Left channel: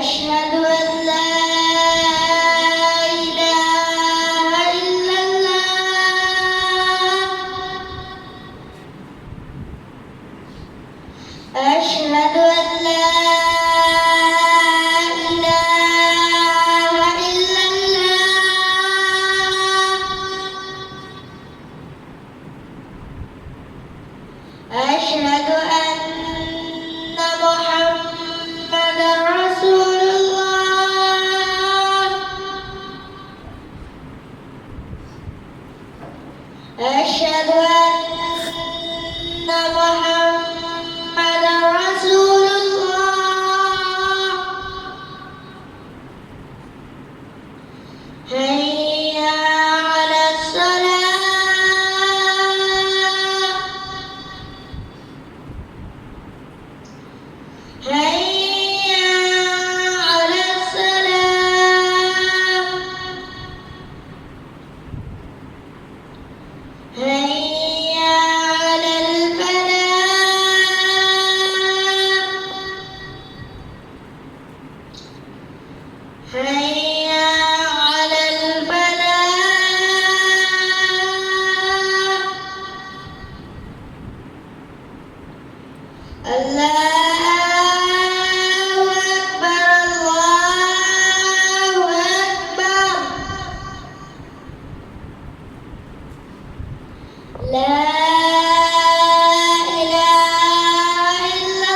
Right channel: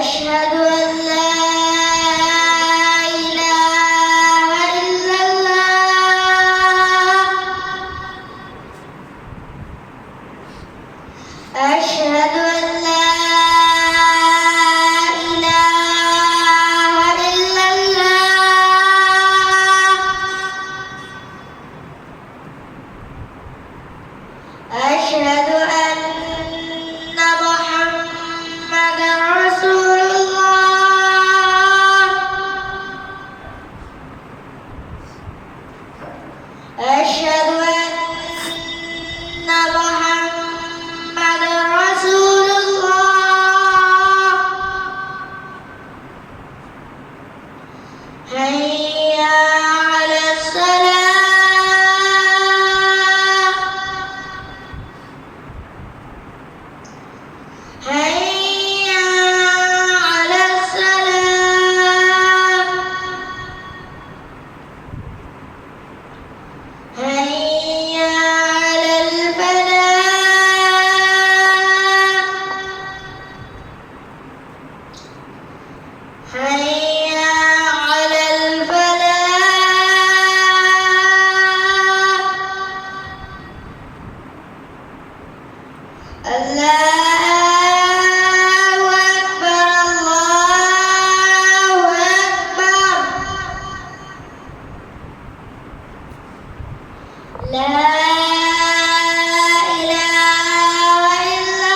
أشهد أن لا إله إلا الله. أشهد أن لا إله إلا الله. أشهد أن محمدًا رسول الله. أشهد أن محمدًا رسول الله. حي على الصلاة. حي على الصلاة. حي على الفلاح. حي على الفلاح. الله أكبر الله أكبر. لا إله إلا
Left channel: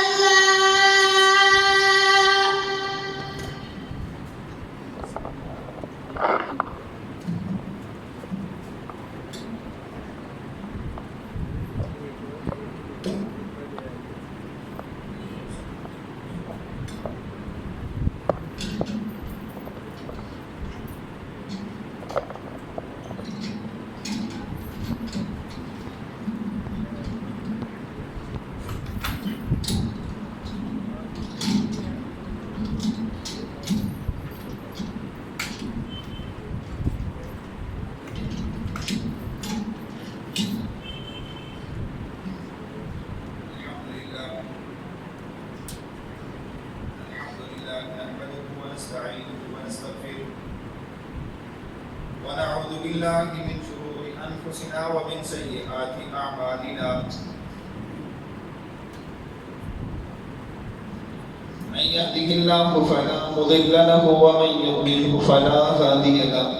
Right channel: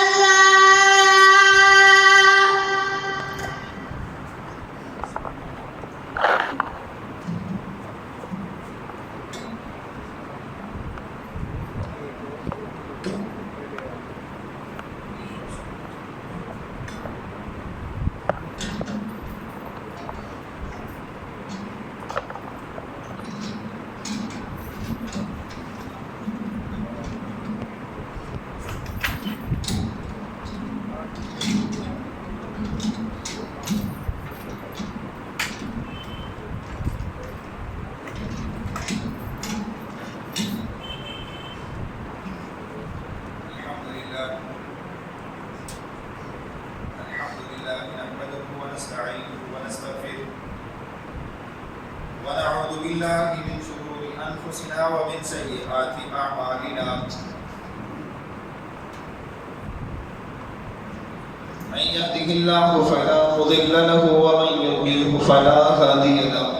الحمد لله نحمده ونستعينه ونستغفره ونعوذ بالله من شرور أنفسنا ومن سيئات أعمالنا. من يهده الله فلا مضل له ومن يضلله فلا هادي له.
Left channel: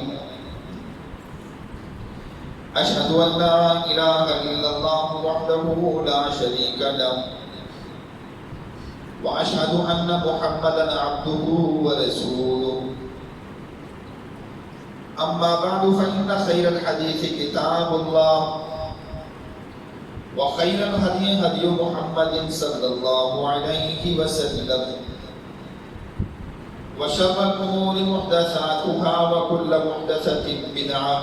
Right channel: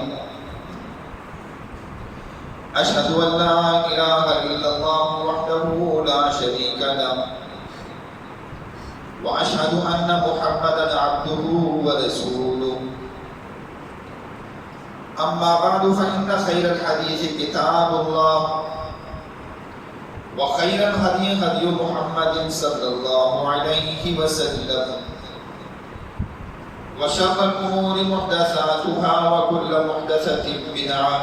أشهد أن لا إله إلا الله وحده لا شريك له وأشهد أن محمدًا عبده ورسوله. أما بعد فإن خير الحديث كتاب الله وخير الهدي هدي محمد صلى الله عليه وسلم وشر الأمور محدثاتها وكل محدثة بدعة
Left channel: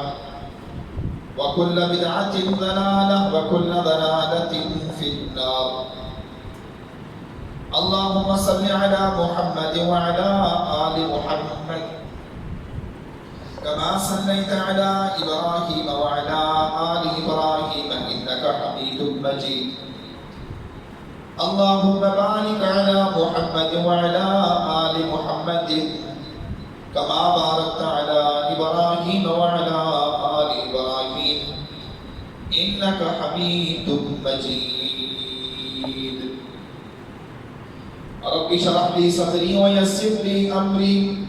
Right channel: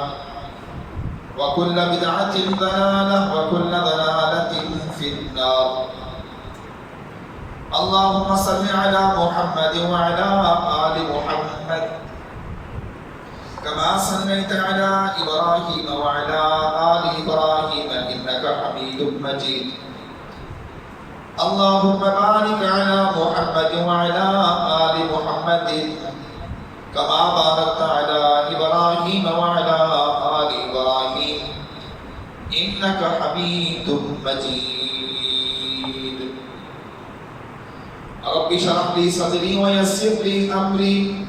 وكل بدعة ضلالة وكل ضلالة في النار. اللهم صل على محمد وعلى آل محمد كما صليت على إبراهيم وعلى آل إبراهيم إنك حميد مجيد. اللهم بارك على محمد وعلى آل محمد كما باركت على إبراهيم وعلى آل إبراهيم إنك حميد مجيد. رب اشرح لي صدري ويسر لي أمري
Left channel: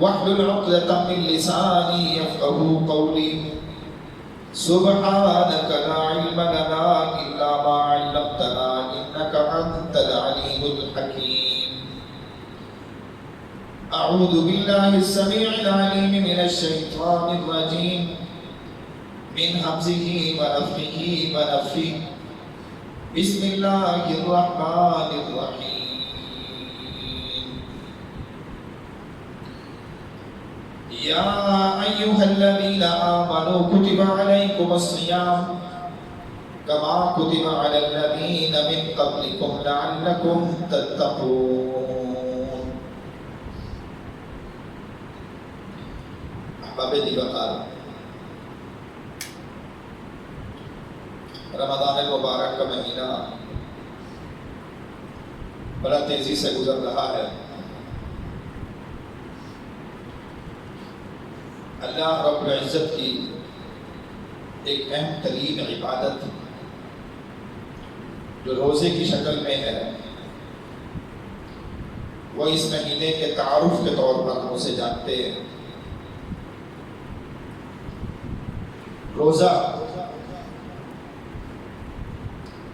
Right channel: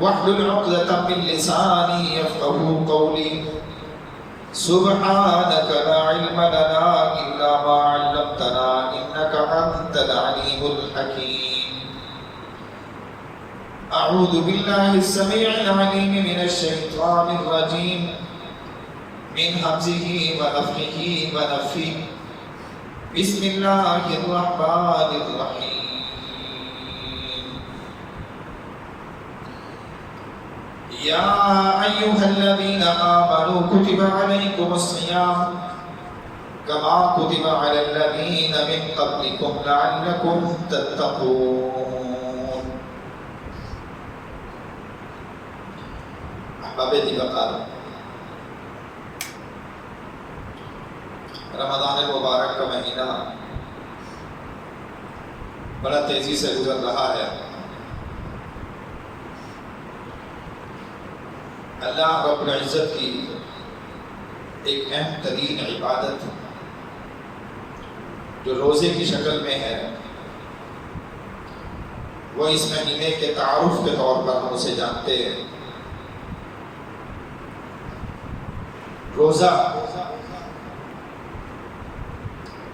واحلل عقدة من لساني يفقهوا قولي. سبحانك لا علم لنا إلا ما علمتنا إنك أنت العليم الحكيم. أعوذ بالله السميع العليم من الشيطان الرجيم من همزه ونفخه ونفثه. بسم الله الرحمن الرحيم. یا ایھا الذین آمنوا کتب علیکم الصیام کما کتب علی الذین من قبلکم لعلکم تتقون. احباب دی وقار، رمضان المبارک کا مہینہ بڑا تیزی سے گزر رہا ہے. اللہ رب العزت کی ایک اہم ترین عبادت جو روزے کی شکل میں ہے، وہ اس مہینے کے تعارف کے طور پر ہم اسے جانتے ہیں. روزہ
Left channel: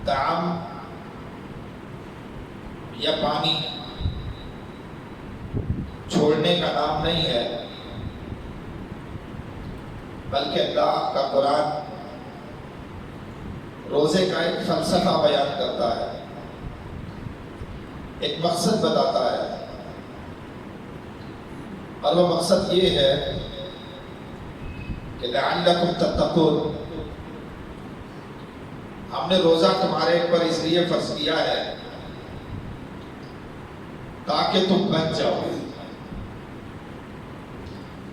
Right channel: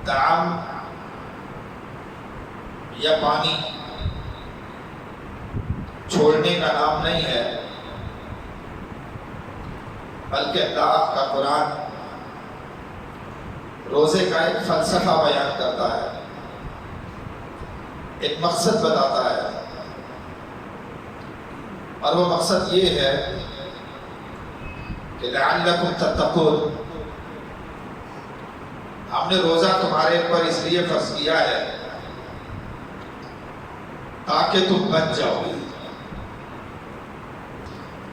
طعام یا پانی چھوڑنے کا نام نہیں ہے، بلکہ اللہ کا قرآن روزے کا ایک فلسفہ بیان کرتا ہے، ایک مقصد بتاتا ہے، اور وہ مقصد یہ ہے کہ لعلکم تتقون. ہم نے روزہ تمہارے اوپر اس لیے فرض کیا ہے تاکہ تم بچ جاؤ.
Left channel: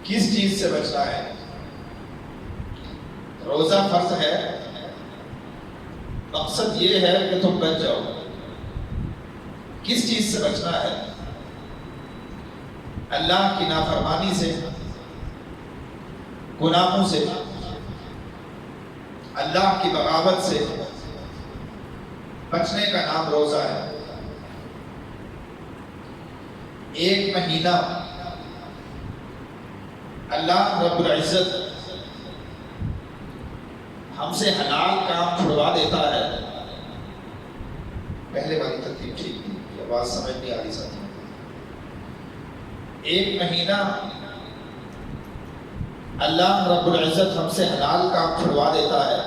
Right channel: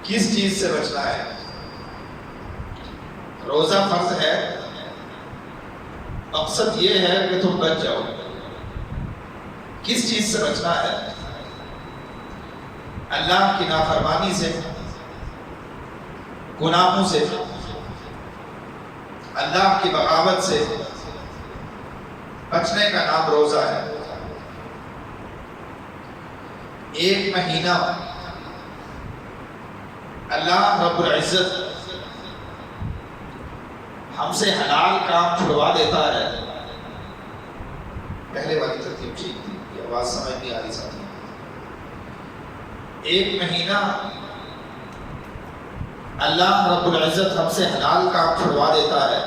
کس چیز سے بچنا ہے؟ روزہ فرض ہے، مقصد یہ ہے کہ تم بچ جاؤ. کس چیز سے بچنا ہے؟ اللہ کی نافرمانی سے، گناہوں سے، اللہ کی بغاوت سے بچنے کا نام روزہ ہے. ایک مہینہ اللہ رب العزت ہم سے حلال کام چھڑوا دیتا ہے. پہلے والی ترتیب ٹھیک تھی، آواز سمجھ نہیں آ رہی ساتھی. ایک مہینہ اللہ رب العزت ہم سے حلال کام چھڑوا دیتا ہے.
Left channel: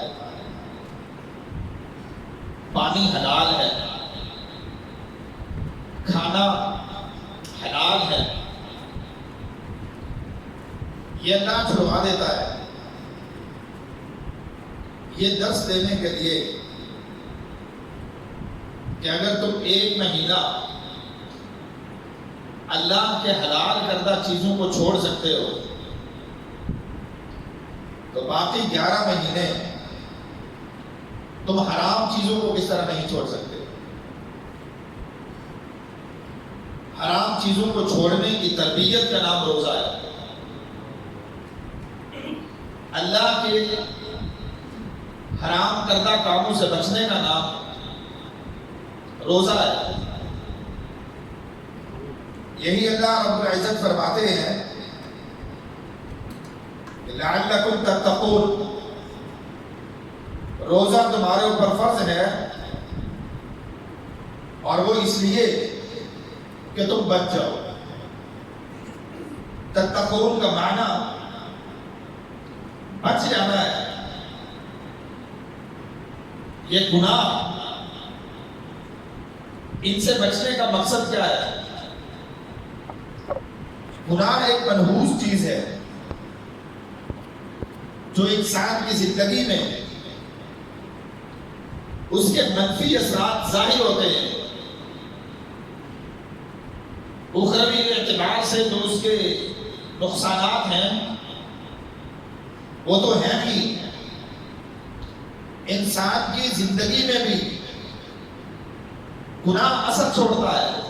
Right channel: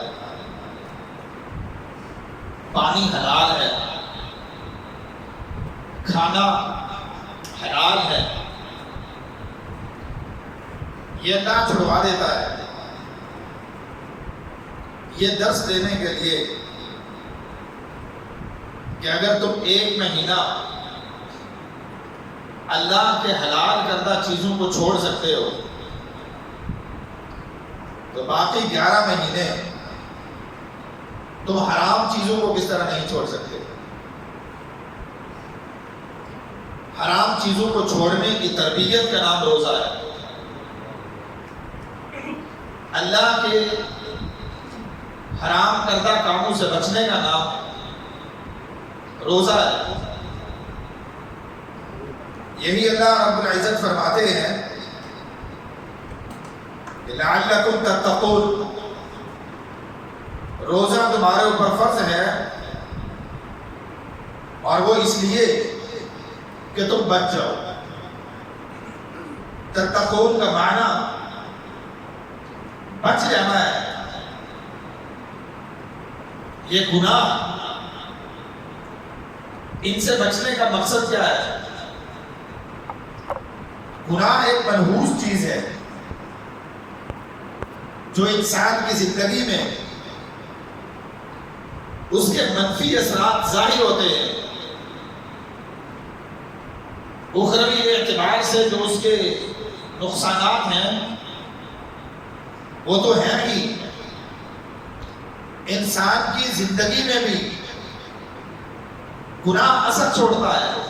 پانی حلال ہے، کھانا حلال ہے، یہ اللہ چھڑوا دیتا ہے. یہ درس دینے کے لیے کہ اگر تم ایک مہینہ اللہ کے حلال کردہ چیزوں کو چھوڑ سکتے ہو تو باقی 11 مہینے تم حرام چیزوں کو کس طرح نہیں چھوڑ سکتے. حرام چیزوں کو چھوڑنے کی تربیت کا نام روزہ ہے. اللہ کے حرام کردہ کاموں سے بچنے کا نام روزہ ہے. یہی اللہ رب العزت فرماتے ہیں کہ لعلکم تتقون، روزہ تمہارے اوپر فرض ہے اور وہ اس لیے کہ تم بچ جاؤ. تتقون کا معنی بچ جانا ہے. یہ گناہ، ان سے بچنے کا مقصد کیا ہے؟ گناہ ایک منحوس چیز ہے جو انسان کی زندگی میں اس کے منفی اثرات ظاہر ہوتے ہیں. اخروی اعتبار سے جو اس کے نقصانات ہیں وہ تو ہیں ہی، انسان کی زندگی میں بھی گناہ اثر چھوڑتا ہے،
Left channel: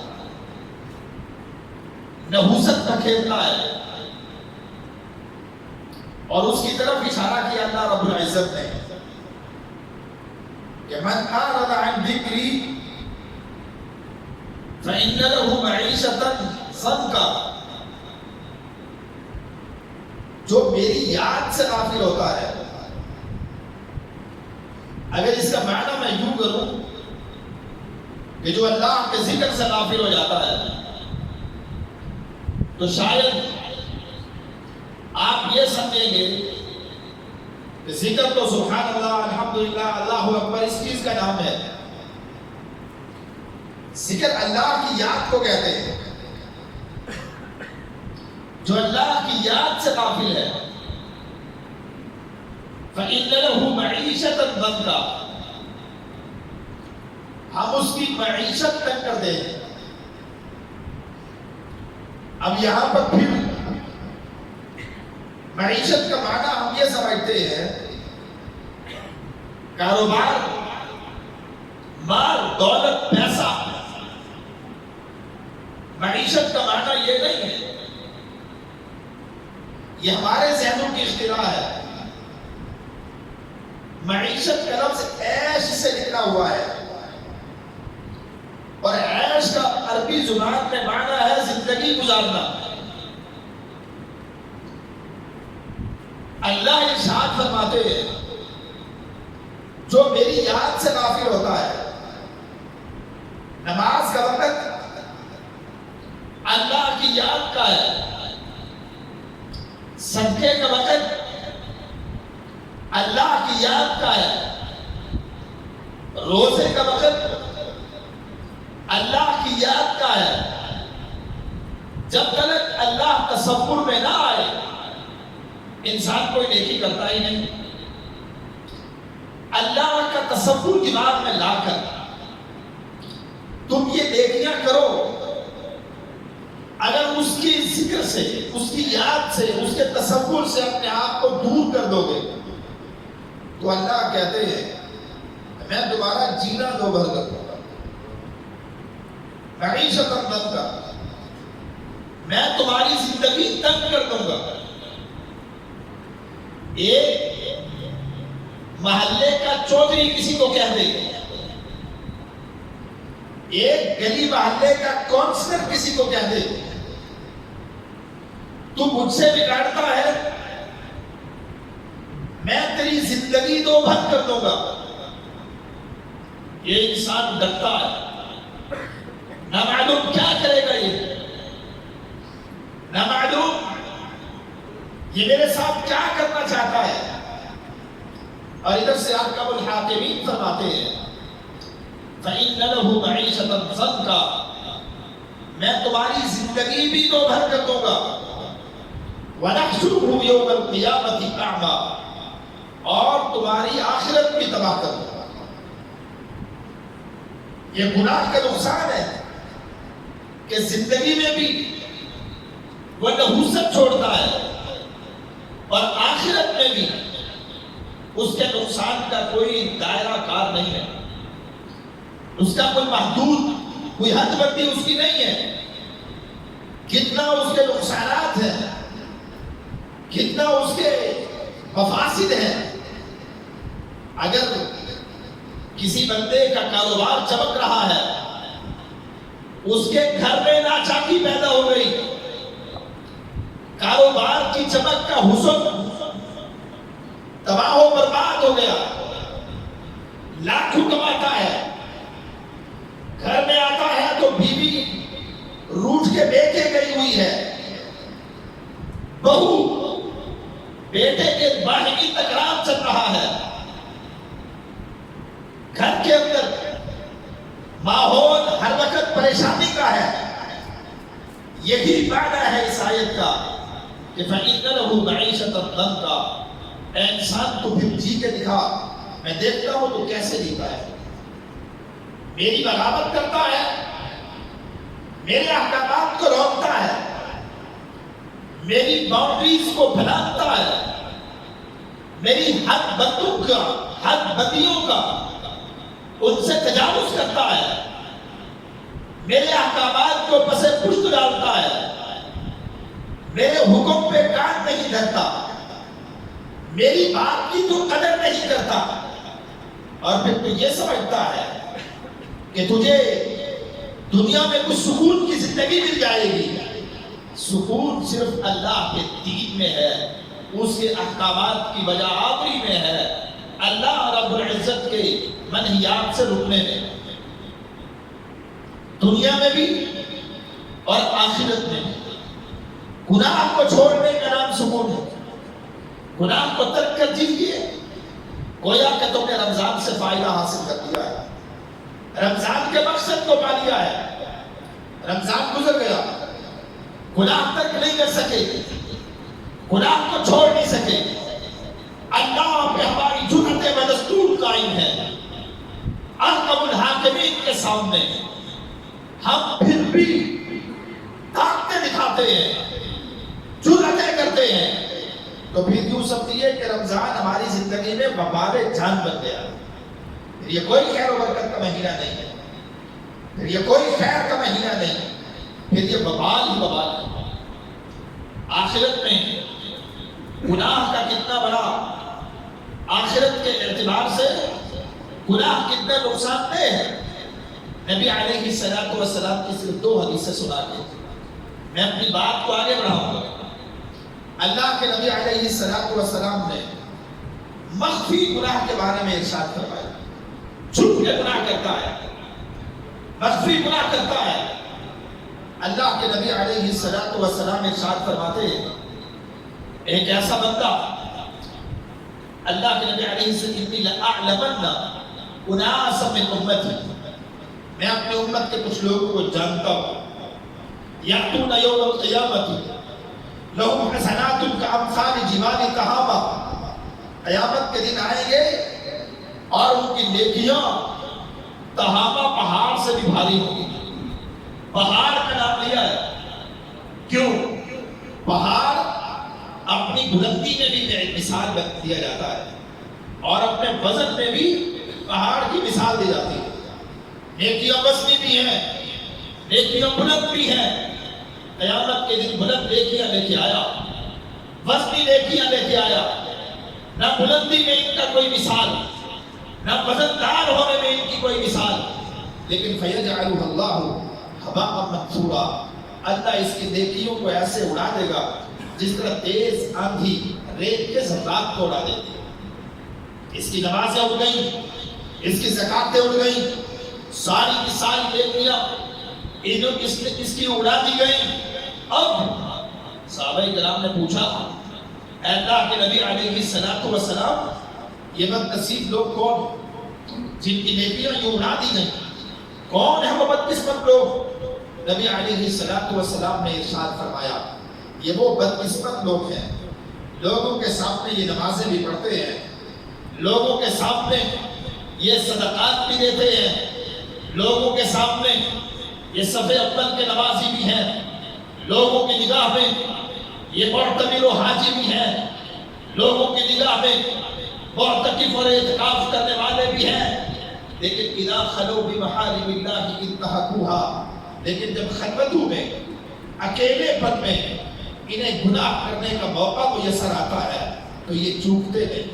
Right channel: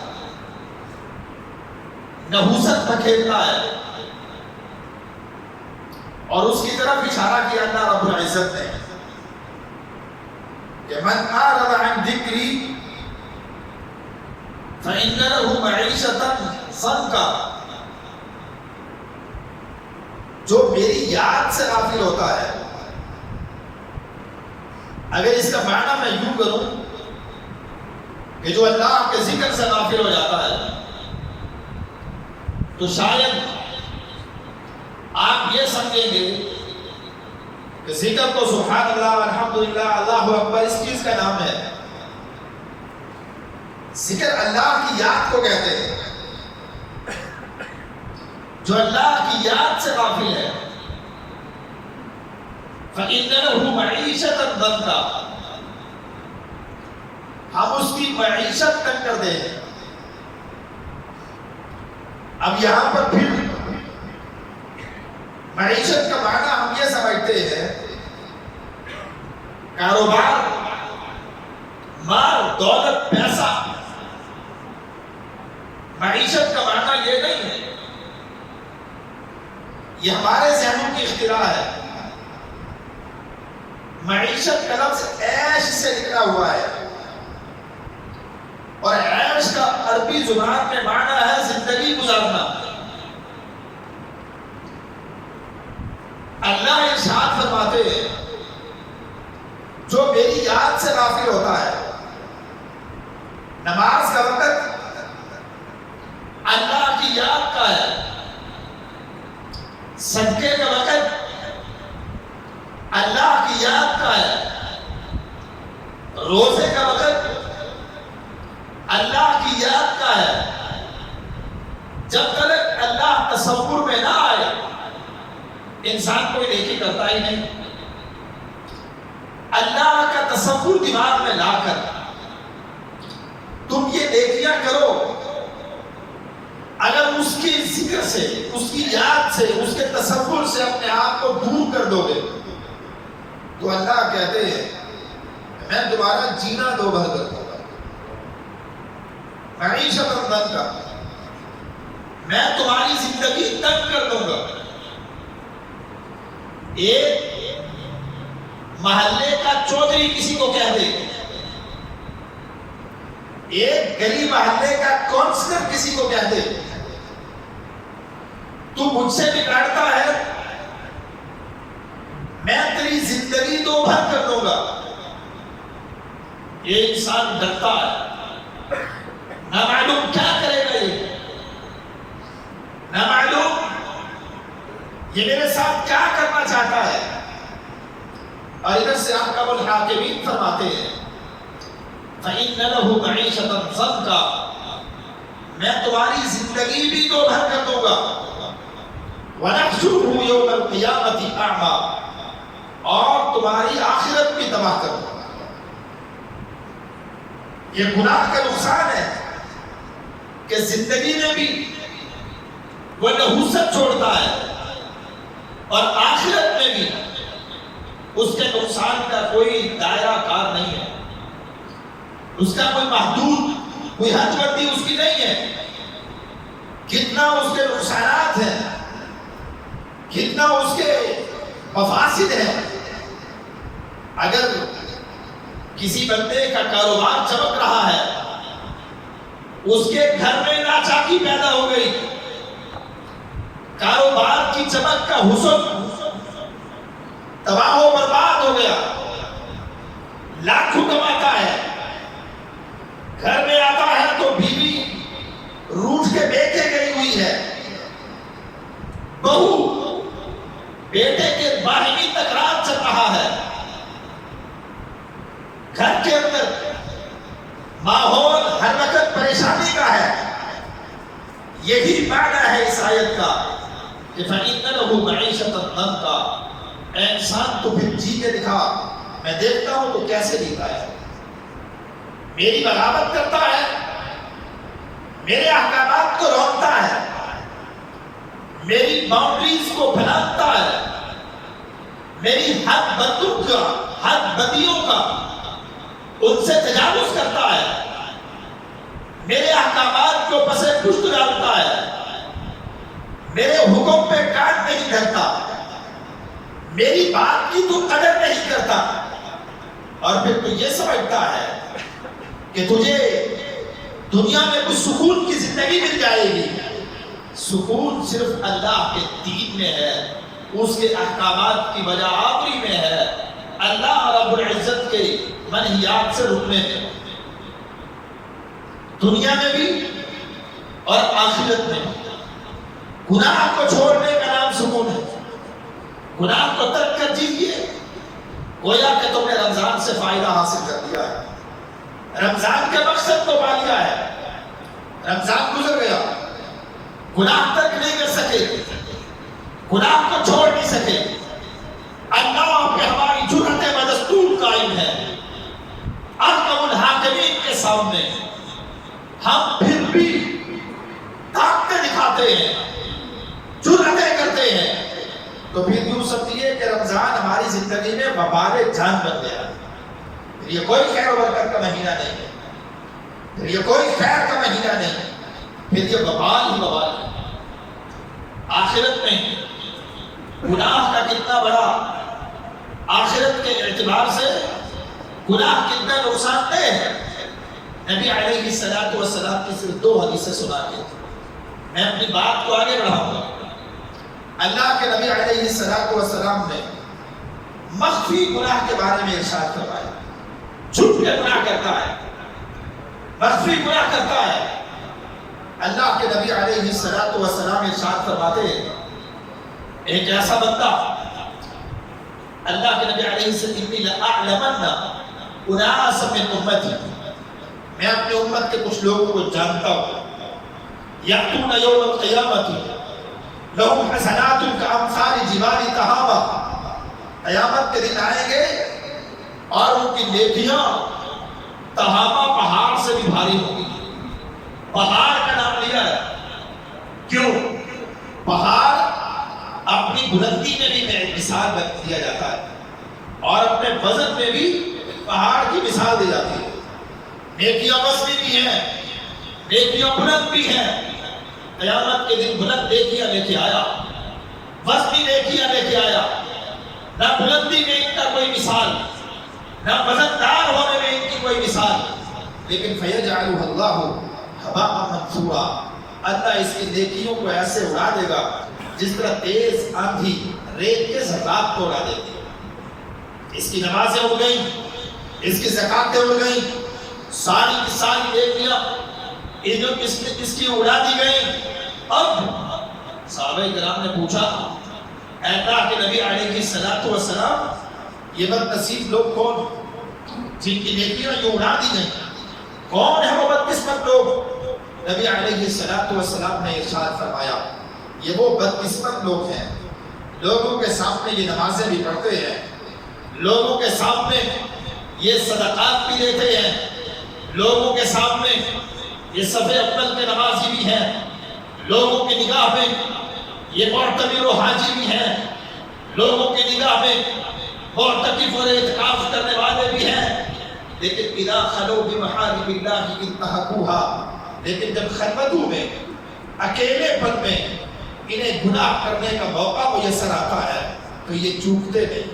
نحوست دھکیلتا ہے. اور اس کی طرف اشارہ کیا اللہ رب العزت نے کہ من اعرض عن ذکری فإن له معیشة ضنکا، جو میری یاد سے غافل ہوتا ہے. اگر اس کا معنی میں یوں کروں کہ جو اللہ کے ذکر سے غافل ہو جاتا ہے تو شاید آپ یہ سمجھیں گے کہ ذکر تو سبحان اللہ، الحمدللہ، اللہ اکبر اس چیز کا نام ہے. ذکر اللہ کی یاد کو کہتے ہیں. جو اللہ کی یاد سے غافل ہے فَإِنَّ لَهُ مَعِيشَةً ضَنْكًا، ہم اس کی معیشت تنگ کر دیں۔ اب یہاں پر پھر معیشت کا معنی ہم یہ سمجھتے ہیں کاروبار، مال، دولت، پیسہ۔ معیشت کا معنی یہ نہیں ہے، یہ ہمارے ذہنوں کی اختراع ہے۔ معیشت کا لفظ عیش سے نکلا ہوا ہے، اور عیش کا عربی زبان میں معنی ہے زندگی گزارنا۔ اللہ ارشاد فرماتے ہیں جو میری یاد سے غافل ہوتا ہے، نماز کا وقت اللہ کی یاد کا ہے، صدقے کا وقت اللہ کی یاد کا ہے، روزے کا وقت اللہ کی یاد کا ہے۔ جب تک اللہ تصور میں نہ آئے انسان کوئی نیکی کرتا ہی نہیں۔ اللہ کا تصور دماغ میں لا کر تم یہ نیکیاں کرو، اگر اس کی ذکر سے، اس کی یاد سے، اس کے تصور سے اپنے آپ کو دور کر دو گے تو اللہ کہتے ہیں میں دوبارہ جینا دو بھر کر دوں گا، معیشت تنگ کا، میں تمہاری زندگی تنگ کر دوں گا۔ ایک محلے کا چودھری کسی کو کہہ دے، ایک گلی محلے کا کونسلر کسی کو کہہ دے تو مجھ سے بگاڑتا ہے، میں تیری زندگی دو بھر کر دوں گا۔ یہ انسان ڈرتا ہے، نہ معلوم کیا کرے گا، یہ نہ معلوم یہ میرے ساتھ کیا کرنا چاہتا ہے۔ اور ادھر سے احکم الحاکمین فرماتے ہیں فَإِنَّ لَهُ مَعِيشَةً ضَنْكًا، میں تمہاری زندگی بھی دو بھر کر دوں گا۔ وَنَحْشُرُهُ يَوْمَ الْقِيَامَةِ أَعْمَى، اور تمہاری آخرت بھی تباہ کر دوں گا۔ یہ گناہ کا نقصان ہے کہ زندگی میں بھی وہ نحوست چھوڑتا ہے اور آخرت میں بھی اس کے نقصان کا کوئی دائرہ کار نہیں ہے، اس کا کوئی محدود، کوئی حد بندی اس کی نہیں ہے۔ کتنا اس کے نقصانات ہیں، کتنا اس کے مفاسد ہیں۔ اگر کسی بندے کا کاروبار چمک رہا ہے، اس کے گھر میں ناچاکی پیدا ہو گئی، کاروبار کی چمک کا حسن تباہ و برباد ہو گیا، لاکھوں کماتا ہے، گھر میں آتا ہے تو بیوی روٹھ کے بیٹے گئی ہوئی ہے، بہو بیٹے کے باہمی تکرار چل رہا ہے، گھر کے اندر ماحول ہر وقت پریشانی کا ہے۔ یہی معنی ہے اس آیت کا کہ فَإِنَّ لَهُ مَعِيشَةً ضَنْكًا، اے انسان تو پھر جی کے دکھا، میں دیکھتا ہوں تو کیسے جیتا ہے، میری بغاوت کرتا ہے، میرے احکامات کو روکتا ہے، میری باؤنڈریز کو پھیلاتا ہے، میری حد بندوں کا، حد بندیوں کا ان سے تجاوز کرتا ہے، میرے احکامات کو پس پشت ڈالتا ہے، میرے حکم پہ کان نہیں دھرتا، میری بات کی تو قدر نہیں کرتا، اور پھر تو یہ سمجھتا ہے کہ تجھے دنیا میں کچھ سکون کی زندگی مل جائے گی۔ سکون صرف اللہ کے دین میں ہے، اس کے احکامات کی وجہ آوری میں ہے، اللہ رب العزت کے منہیات سے رکنے میں، دنیا میں بھی اور آخرت میں بھی۔ گناہ کو چھوڑنے کا نام سکون ہے، گناہ کو ترک کر جیئے، گویا کہ تم نے رمضان سے فائدہ حاصل کر دیا ہے، رمضان کے مقصد کو پا لیا ہے، رمضان گزر گیا، گناہ تک نہیں کر سکے، گناہ کو چھوڑ نہیں سکے۔ اللہ پہ ہماری جرأت بدستور قائم ہے۔ احکم الحاکمین کے سامنے ہم پھر بھی طاقتیں دکھاتے ہیں، جرأتیں کرتے ہیں، تو پھر یوں سمجھیے کہ رمضان ہماری زندگی میں وبال جان بن گیا۔ پھر یہ کوئی خیر و برکت کا مہینہ نہیں ہے، پھر یہ کوئی خیر کا مہینہ نہیں ہے، پھر یہ وبال ہی وبال ہے۔ آخرت میں گناہ کا کتنا بڑا، آخرت کے اعتبار سے گناہ کتنا نقصان دہ ہے۔ نبی علیہ السلام کی صرف 2 حدیثیں سنا کے میں اپنی بات کو آگے بڑھاؤں گا۔ اللہ کے نبی علیہ السلام نے مخفی گناہ کے بارے میں ارشاد فرمایا، چھپ کے گناہ کرتا ہے، مخفی گناہ کرتا ہے۔ اللہ کے نبی علیہ السلام ارشاد فرماتے ہیں، ایک ایسا بندہ، اللہ کے نبی علیہ السلام، اناس من امتی، میں اپنے امت کے کچھ لوگوں کو جانتا ہوں، یاتون یوم القیامت لہم حسنات کامثال جبال تہامہ، قیامت کے دن آئیں گے اور ان کی نیکیاں تہامہ پہاڑ سے بھی بھاری ہوگی۔ پہاڑ کا نام لیا ہے کیوں؟ پہاڑ اپنی بلندی میں بھی مثال دیا جاتا ہے اور اپنے وزن میں بھی پہاڑ کی مثال دی جاتی ہے۔ نیکیاں وزنی بھی ہیں، نیکیاں بلند بھی ہیں۔ قیامت کے دن بلند نیکیاں لے کے آیا، وزنی نیکیاں لے کے آیا، نہ بلندی میں ان کا کوئی مثال، نہ وزندار ہونے میں ان کی کوئی مثال، لیکن فَيَجْعَلُهَا اللَّهُ هَبَاءً مَنْثُورًا، اللہ اس کی نیکیوں کو ایسے اڑا دے گا جس طرح تیز آندھی ریت کے ذرات کو اڑا دیتی ہے۔ اس کی نمازیں اڑ گئیں، اس کی زکاتیں اڑ گئیں، ساری کی ساری نیکیاں اس کی اڑا دی گئیں۔ اب صحابہ کرام نے پوچھا، اے اللہ کے نبی علیہ السلام، یہ بد نصیب لوگ کون جن کی نیکیاں یوں اڑا دی گئیں؟ کون ہے وہ بدقسمت لوگ؟ نبی علیہ السلام نے ارشاد فرمایا، یہ وہ بدقسمت لوگ ہیں، لوگوں کے سامنے یہ نمازیں بھی پڑھتے ہیں، لوگوں کے سامنے یہ صدقات بھی دیتے ہیں، لوگوں کے سامنے یہ صف اول کے نمازی بھی ہیں، لوگوں کی نگاہ میں یہ معتمر و حاجی بھی ہیں، لوگوں کی نگاہ میں معتکف اور اعتکاف کرنے والے بھی ہیں، لیکن اذا خلو بمحارم اللہ انتہکوها، لیکن جب خلوتوں میں، اکیلے پن میں انہیں گناہ کرنے کا موقع میسر آتا ہے تو یہ چوکتے نہیں،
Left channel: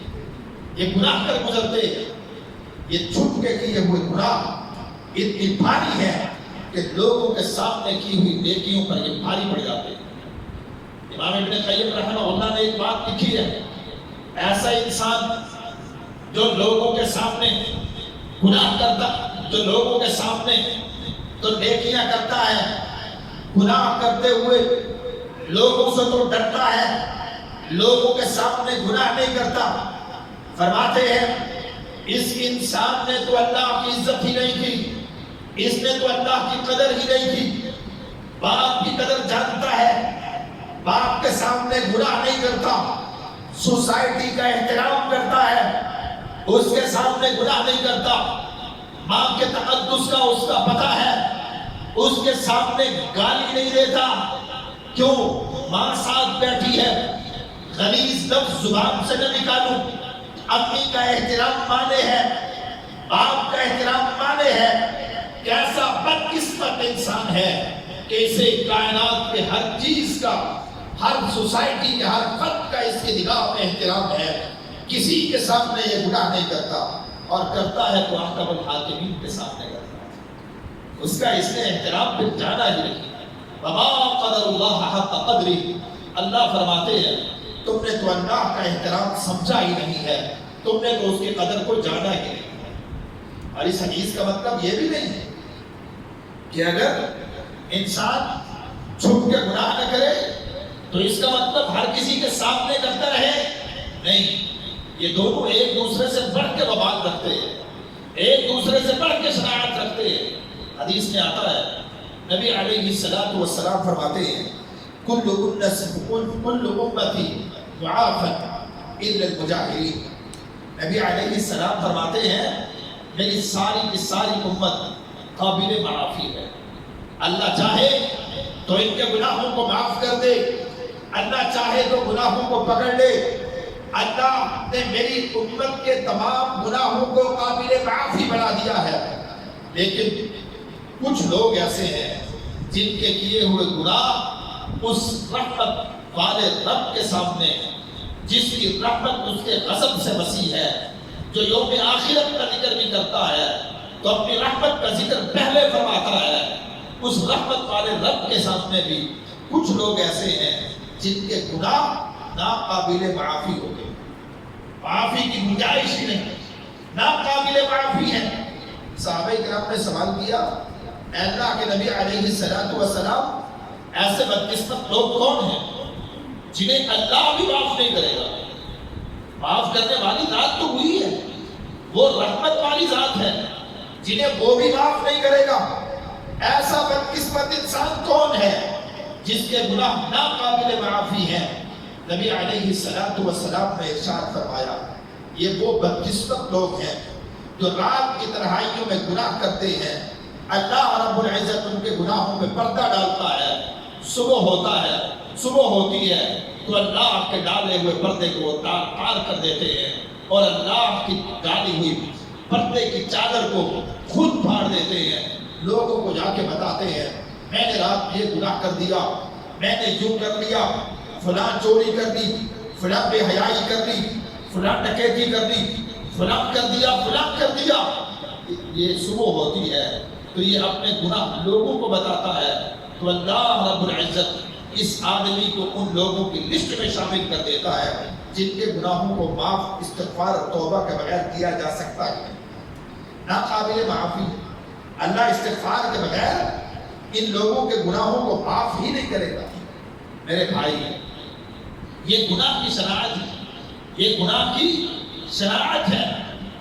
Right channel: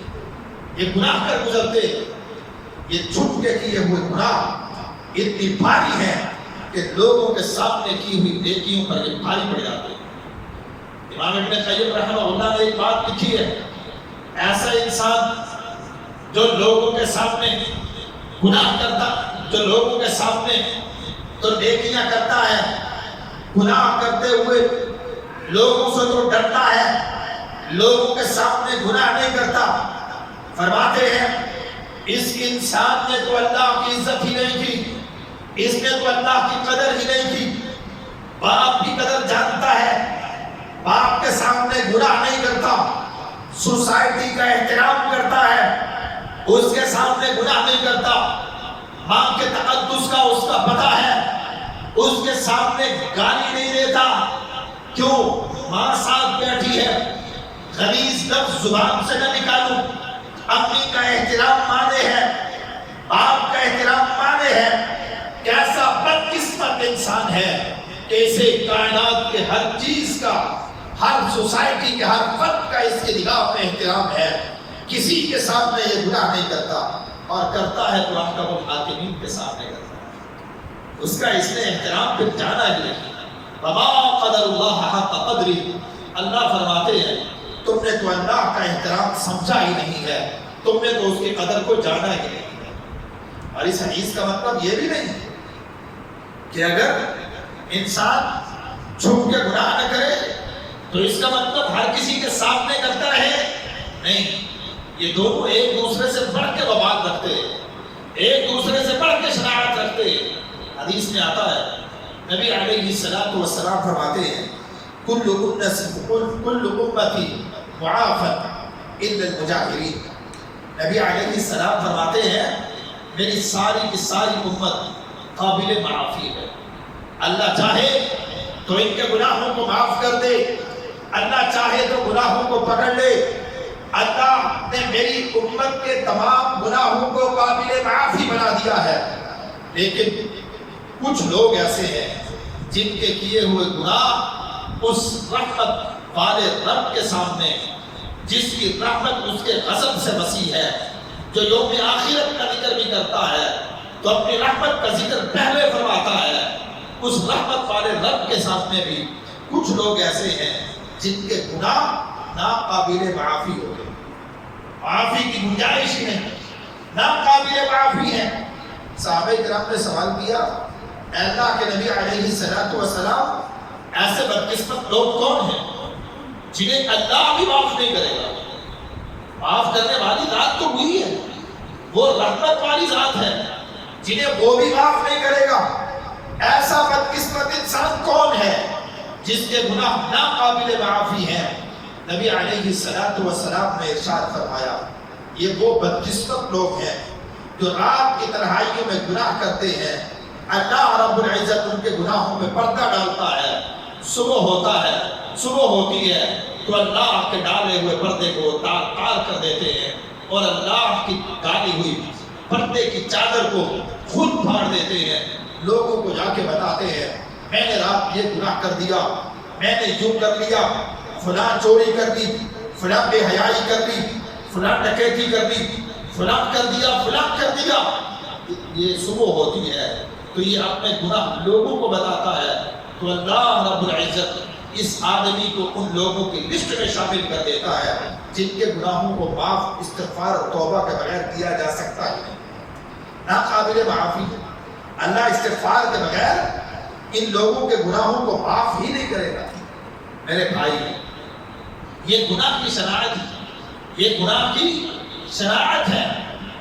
یہ گناہ کر گزرتے، یہ چھپ کے کیے ہوئے گناہ اتنی بھاری ہے کہ لوگوں کے سامنے کی ہوئی نیکیوں پر یہ بھاری پڑ جاتے ہیں۔ امام ابن قیم رحمہ اللہ نے ایک بات لکھی ہے، ایسا انسان جو لوگوں کے سامنے گناہ کرتا، جو لوگوں کے سامنے تو نیکیاں کرتا ہے، گناہ کرتے ہوئے لوگوں سے تو ڈرتا ہے، لوگوں کے سامنے گناہ نہیں کرتا، فرماتے ہیں اس انسان نے تو اللہ کی عزت ہی نہیں کی، اس نے تو اللہ کی قدر ہی نہیں کی۔ باپ کی قدر جانتا ہے، باپ کے سامنے گناہ نہیں کرتا، سوسائٹی کا احترام کرتا ہے، اس کے سامنے گناہ نہیں کرتا، ماں کے تقدس کا اس کا پتہ ہے، اس کے سامنے گالی نہیں دیتا، کیوں؟ ماں ساتھ بیٹھی ہے، غلیظ لفظ زبان سے نہ نکالوں، امی کا احترام مانے ہے، باپ کا احترام مانے ہے۔ کیسا بدقسمت انسان ہے کہ اسے کائنات کے ہر چیز کا، ہر سوسائٹی کے ہر فرد کا اس کی نگاہ میں احترام ہے، کسی کے سامنے یہ گناہ نہیں کرتا، اور کرتا ہے تو احکم الحاکمین کے سامنے کرتا ہے، اس کا اس نے احترام پھر جانا ہی نہیں۔ وما قدر اللہ حق قدری، اللہ فرماتے ہیں تم نے تو اللہ کا احترام سمجھا ہی نہیں ہے، تم نے تو اس کی قدر کو جانا ہی نہیں ہے۔ اور اس حدیث کا مطلب یہ بھی نہیں کہ اگر انسان چھپ کے گناہ نہ کرے تو اس کا مطلب ہر کسی کے سامنے کرتا رہے، نہیں، یہ دونوں ایک دوسرے سے بڑھ کے وبال رکھتے ہیں، ایک دوسرے سے بڑھ کے شرائط رکھتے ہیں۔ حدیث میں آتا ہے نبی علیہ السلام فرماتے ہیں کل امتی معافى الا المجاہرین. نبی علیہ السلام فرماتے ہیں میری ساری کی ساری امت قابل معافی ہے. اللہ چاہے تو ان کے گناہوں کو معاف کر دے، اللہ چاہے تو گناہوں کو پکڑ لے. اللہ نے میری امت کے تمام گناہوں کو قابل معافی بنا دیا ہے. لیکن کچھ لوگ ایسے ہیں جن کے کیے ہوئے گناہ اس رحمت والے رب کے سامنے، جس کی رحمت اس کے غضب سے وسیع ہے، جو یوم آخرت کا ذکر بھی کرتا ہے تو اپنی رحمت کا ذکر پہلے فرماتا ہے، اس رحمت والے رب کے سامنے بھی کچھ لوگ ایسے ہیں جن کے گناہ ناقابل معافی ہو گئے، معافی کی گنجائش ہی نہیں، ناقابل معافی ہے. صحابہ کرام نے سوال کیا اے اللہ کے نبی علیہ السلام، ایسے بدقسمت لوگ کون ہیں جنہیں اللہ بھی معاف نہیں کرے گا؟ معاف کرنے والی ذات تو وہی ہے، وہ رحمت والی ذات ہے، جنہیں وہ بھی معاف نہیں کرے گا. ایسا بدقسمت انسان کون ہے جس کے گناہ ناقابل معافی ہیں؟ نبی علیہ السلام نے ارشاد فرمایا یہ وہ بدقسمت لوگ ہیں جو رات کی تنہائیوں میں گناہ کرتے ہیں، اللہ رب العزت ان کے گناہوں میں پردہ ڈالتا ہے، صبح ہوتا ہے، صبح ہوتی ہے تو اللہ کے ڈالے ہوئے پردے کو تار تار کر دیتے ہیں اور اللہ کی ڈالی ہوئی پردے کی چادر کو خود پھاڑ دیتے ہیں. لوگوں کو جا کے بتاتے ہیں میں نے رات یہ گناہ کر دیا، میں نے یوں کر لیا، فلاں چوری کر دی، فلاں بے حیائی کر دی، فلاں ڈکیتی کر دی، فلاں کر دیا، فلاں کر دیا. یہ صبح ہوتی ہے تو یہ اپنے گناہ لوگوں کو بتاتا ہے تو اللہ رب العزت اس آدمی کو ان لوگوں کی لسٹ میں شامل کر دیتا ہے جن کے گناہوں کو معاف استغفار اور توبہ کے بغیر کیا جا سکتا ہے. ناقابل معافی. اللہ استغفار کے بغیر ان لوگوں کے گناہوں کو معاف ہی نہیں کرے گا. میرے بھائی، یہ گناہ کی شناعت ہے، یہ گناہ کی شناعت ہے،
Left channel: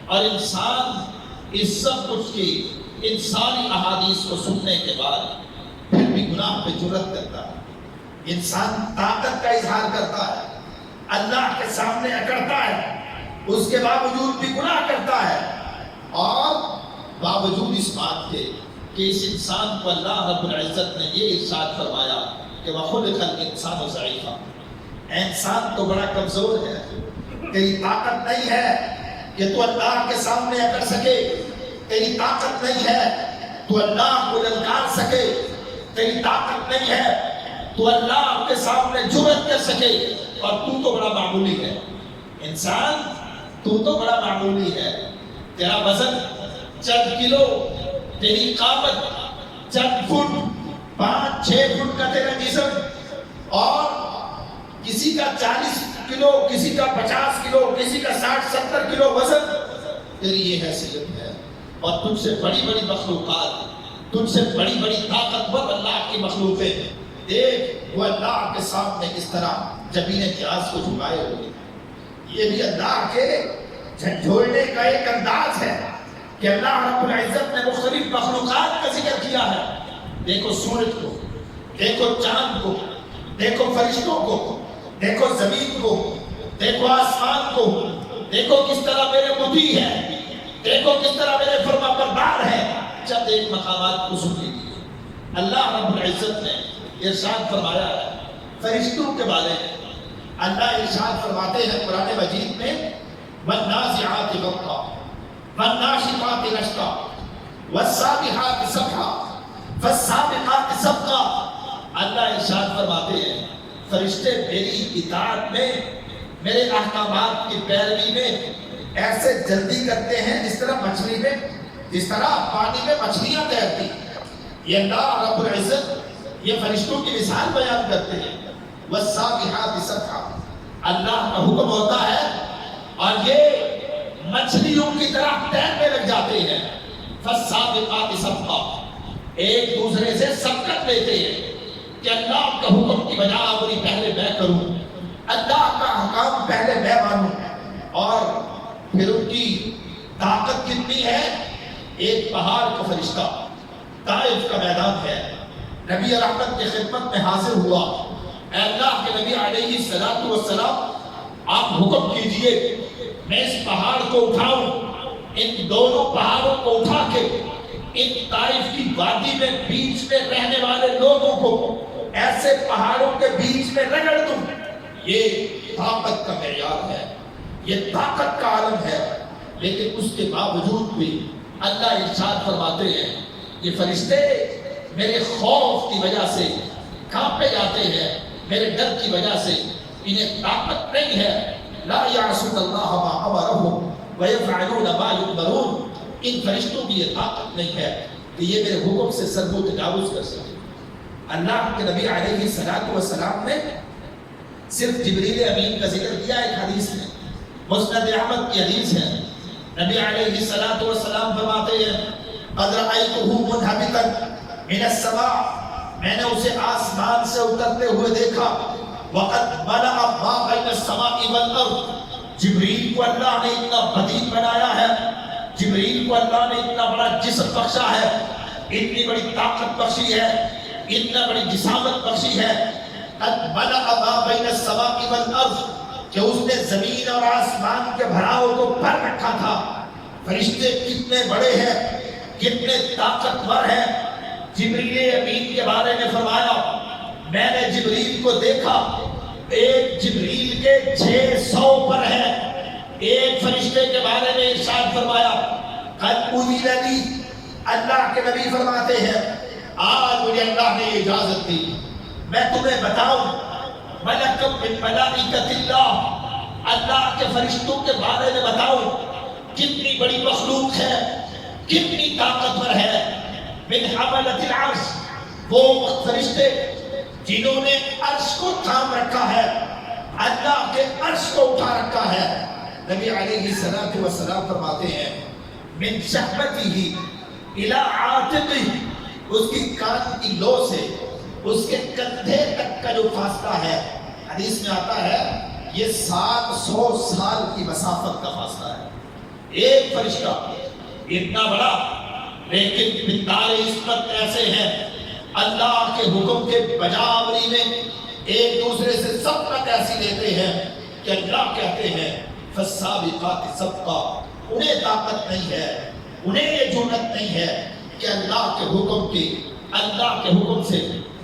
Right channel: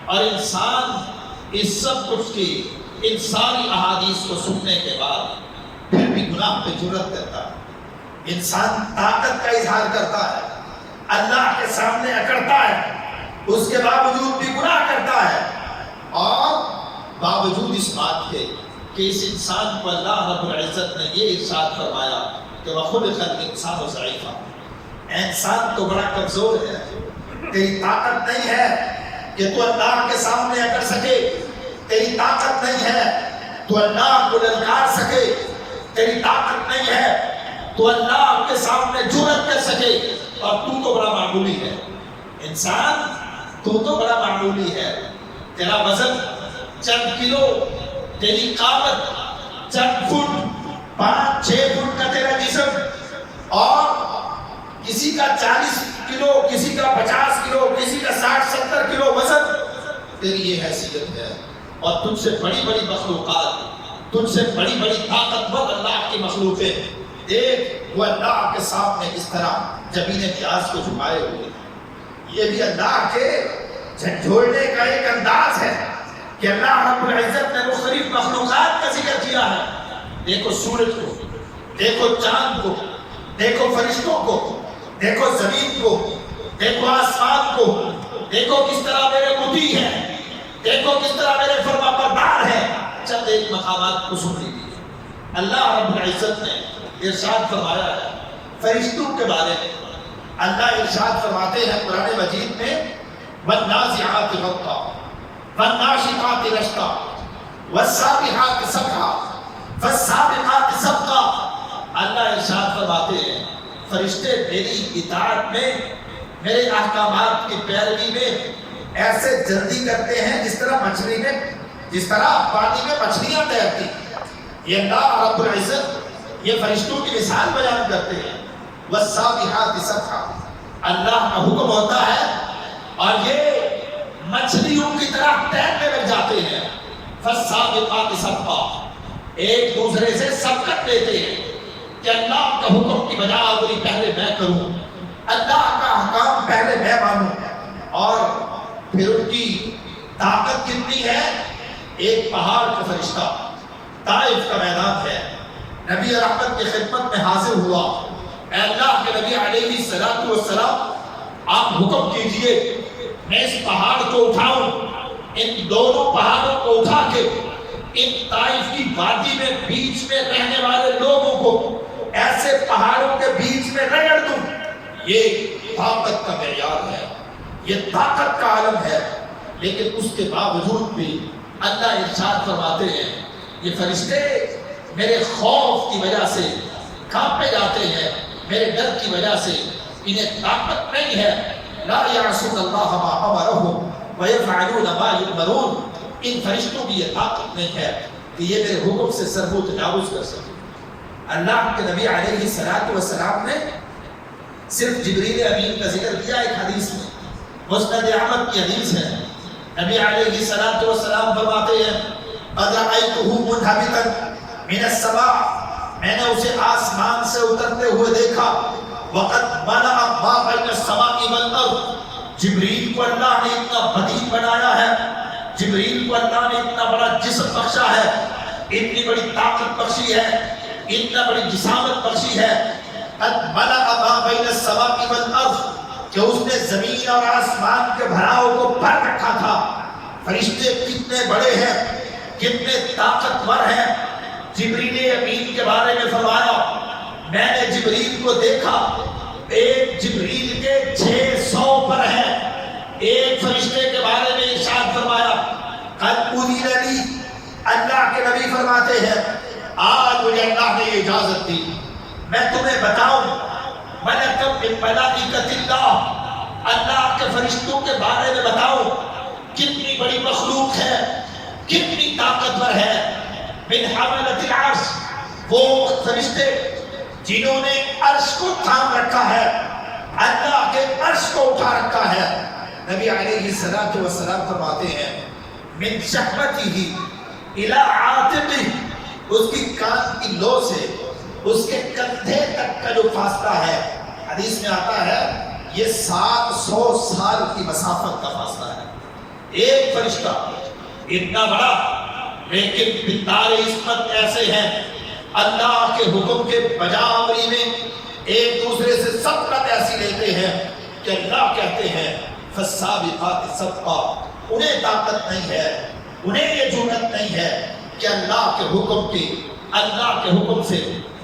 اور انسان اس سب کچھ کی، ان ساری احادیث کو سننے کے بعد پھر بھی گناہ پہ جرأت کرتا ہے. انسان طاقت کا اظہار کرتا ہے، اللہ کے سامنے اکڑتا ہے، اس کے باوجود بھی گناہ کرتا ہے، اور باوجود اس بات کے کہ اس انسان کو اللہ رب العزت نے یہ ارشاد فرمایا کہ وَخُلِقَ الْإِنسَانُ ضَعِيفًا، انسان تو بڑا کمزور ہے، تیری طاقت نہیں ہے کہ تو اللہ کے سامنے اکڑ سکے، تیری طاقت نہیں ہے تو اللہ کو للکار سکے، تیری طاقت نہیں ہے تو اللہ کے سامنے جرأت کر سکے، اور تو بڑا معمولی ہے. انسان تو بڑا معمولی ہے، تیرا وزن چند کلو، تیری قامت چند فٹ، 5-6 فٹ کا تیرا جسم، اور کسی کا 40 کلو، کسی کا 50 کلو، کسی کا 60-70 کلو وزن، تیری یہ حیثیت ہے. اور تجھ سے بڑی بڑی مخلوقات، تجھ سے بڑی بڑی طاقتور اللہ کی مخلوقیں، دیکھ وہ اللہ کے سامنے اس طرح جبین پیاز کو جھکائے ہوئے. یہ بھی اللہ کے جھنجھوڑنے کا ایک انداز ہے کہ اللہ رب العزت نے مختلف مخلوقات کا ذکر کیا ہے. دیکھو سورج کو، دیکھو چاند کو، دیکھو فرشتوں کو، دیکھو زمین کو، دیکھو آسمان کو، دیکھو کس طرح میرے مطیع ہیں، دیکھو کس طرح میرے فرما بردار ہیں. چند ایک مقامات کو سن لیجیے. اللہ رب العزت نے ارشاد فرمایا ہے فرشتوں کے بارے میں. اللہ ارشاد فرماتے ہیں قرآن مجید میں وَالنَّازِعَاتِ غَرْقًا وَالنَّاشِطَاتِ نَشْطًا وَالسَّابِحَاتِ سَبْحًا فَالسَّابِقَاتِ سَبْقًا. اللہ ارشاد فرماتے ہیں فرشتے میری اطاعت میں، میرے احکامات کی پیروی میں ایسے جلدی کرتے ہیں جس طرح مچھلی میں، جس طرح پانی میں مچھلیاں تیرتی. یہ اللہ رب العزت یہ فرشتوں کی مثال بیان کرتے ہیں. وَالسَّابِحَاتِ سَبْحًا، اللہ کا حکم ہوتا ہے اور یہ مچھلیوں کی طرح تیرنے لگ جاتے ہیں. فَالسَّابِقَاتِ سَبْقًا، ایک دوسرے سے سبقت لیتے ہیں کہ اللہ کا حکم کی بجاوری پہلے میں کروں، اللہ کا احکام پہلے میں مانوں. اور پھر ان کی طاقت کتنی ہے؟ ایک پہاڑ کا فرشتہ طائف کا میدان ہے، نبی رحمت کی خدمت میں حاضر ہوا اے اللہ کے نبی علیہ السلام آپ حکم کیجئے میں اس پہاڑ کو اٹھاؤں، ان دونوں پہاڑوں کو اٹھا کے ان طائف کی وادی میں بیچ میں رہنے والے لوگوں کو ایسے پہاڑوں کے بیچ میں رگڑ دوں۔ یہ طاقت کا معیار ہے، یہ طاقت کا عالم ہے، لیکن اس کے باوجود بھی اللہ ارشاد فرماتے ہیں یہ فرشتے میرے خوف کی وجہ سے کانپے جاتے ہیں، میرے ڈر کی وجہ سے انہیں طاقت نہیں ہے۔ لا یعصون اللہ ما امرهم ویفعلون ما یؤمرون، ان فرشتوں کی یہ طاقت نہیں ہے کہ یہ میرے حکم سے سرزد و تجاوز کر سکے۔ اللہ کے نبی علیہ السلام نے صرف جبریل امین کا ذکر کیا ایک حدیث میں، مسند احمد کی حدیث ہے۔ نبی علیہ السلام فرماتے ہیں قد رأیتہ منہبطا من السماء، میں نے اسے آسمان سے اترتے ہوئے دیکھا، وقد ملأ ما بین السماء والارض، جبریل کو اللہ نے اتنا بدیع بنایا ہے، جبریل کو اللہ نے اتنا بڑا جسم بخشا ہے، اتنی بڑی طاقت بخشی ہے، اتنا بڑی جسامت بخشی ہے، قد ملأ ما بین السماء والارض، کہ اس نے زمین اور آسمان کے بھراؤ کو بھر رکھا تھا۔ فرشتے کتنے بڑے ہیں، کتنے طاقتور ہیں۔ جبریل امین کے بارے میں فرمایا میں نے جبریل کو دیکھا، ایک جبریل کے 600 پر ہے۔ ایک فرشتے کے بارے میں ارشاد فرمایا قد اذن لی، اللہ کے نبی فرماتے ہیں آج مجھے اللہ نے یہ اجازت دی میں تمہیں بتاؤں ملکم من ملائکۃ اللہ، اللہ کے فرشتوں کے بارے میں بتاؤں کتنی بڑی مخلوق ہے، کتنی طاقتور ہے۔ من حملۃ العرش، وہ فرشتے جنہوں نے عرش کو تھام رکھا ہے، اللہ کے عرش کو اٹھا رکھا ہے۔ نبی علیہ السلام فرماتے ہیں من شحمتہ الی عاتقہ، اس کی کان کی لو سے اس کے کندھے تک کا جو فاصلہ ہے، حدیث میں آتا ہے یہ 700 سال کی مسافت کا فاصلہ ہے۔ ایک فرشتہ اتنا بڑا، لیکن بندار عصمت ایسے ہیں اللہ کے حکم کے بجاوری میں ایک دوسرے سے سبقت ایسی لیتے ہیں کہ اللہ کہتے ہیں فالسابقات سبقا، انہیں طاقت نہیں ہے، انہیں یہ جرأت نہیں ہے کہ اللہ کے حکم کی، اللہ کے حکم سے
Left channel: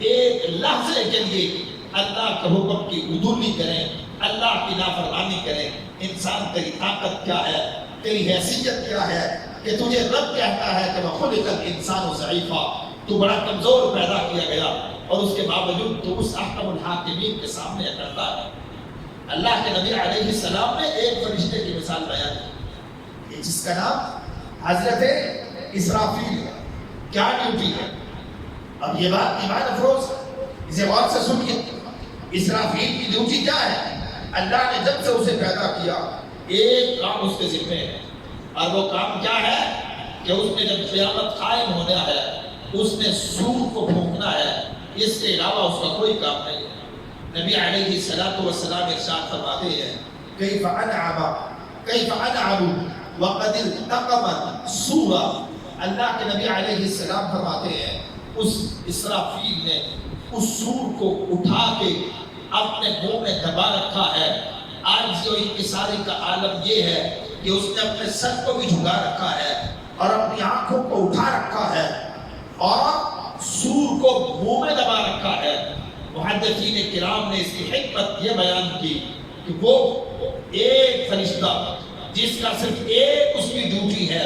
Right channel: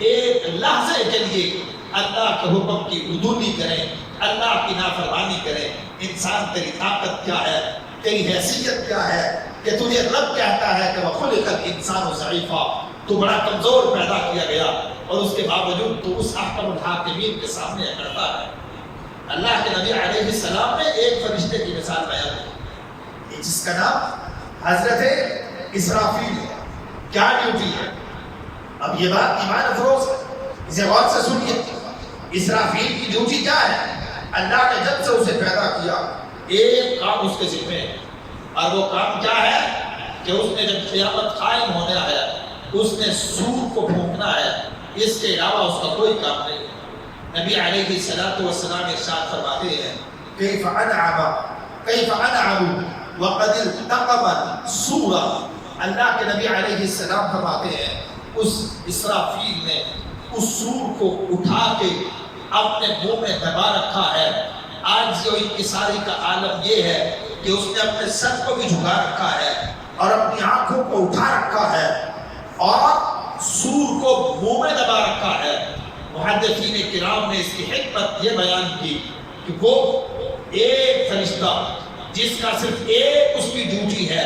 ایک لحظے کے لیے اللہ کے حکم کی عدولی کریں، اللہ کی نافرمانی کریں۔ انسان تیری طاقت کیا ہے، تیری حیثیت کیا ہے کہ تجھے رب کہتا ہے کہ وَخُلِقَ الْإِنسَانُ ضَعِيفًا، تو بڑا کمزور پیدا کیا گیا اور اس کے باوجود تو اس احکم الحاکمین کے سامنے اکڑتا ہے۔ اللہ کے نبی علیہ السلام نے ایک فرشتے کی مثال بیان کی جس کا نام حضرت اسرافیل ہے۔ کیا ڈیوٹی ہے؟ اب یہ بات ایمان افروز ہے، اسے غور سے سنیے۔ اسرافیل کی ڈیوٹی کیا ہے؟ اللہ نے جب سے اسے پیدا کیا ایک کام اس کے ذمہ ہے، اور وہ کام کیا ہے کہ اس نے جب قیامت قائم ہونے آیا اس نے سور کو پھونکنا ہے، اس کے علاوہ اس کا کوئی کام نہیں۔ نبی علیہ السلام ارشاد فرماتے ہیں کیف انعم وقد التقم سورا، اللہ کے نبی علیہ السلام فرماتے ہیں اس اسرافیل نے اس سور کو اٹھا کے اپنے منہ میں دبا رکھا ہے۔ آج جو انکساری کا عالم یہ ہے کہ اس نے اپنے سر کو بھی جھکا رکھا ہے اور اپنی آنکھوں کو اٹھا رکھا ہے اور سور کو منہ میں دبا رکھا ہے۔ محدثین کرام نے اس کی حکمت یہ بیان کی کہ وہ ایک فرشتہ جس کا صرف ایک اس کی ڈیوٹی ہے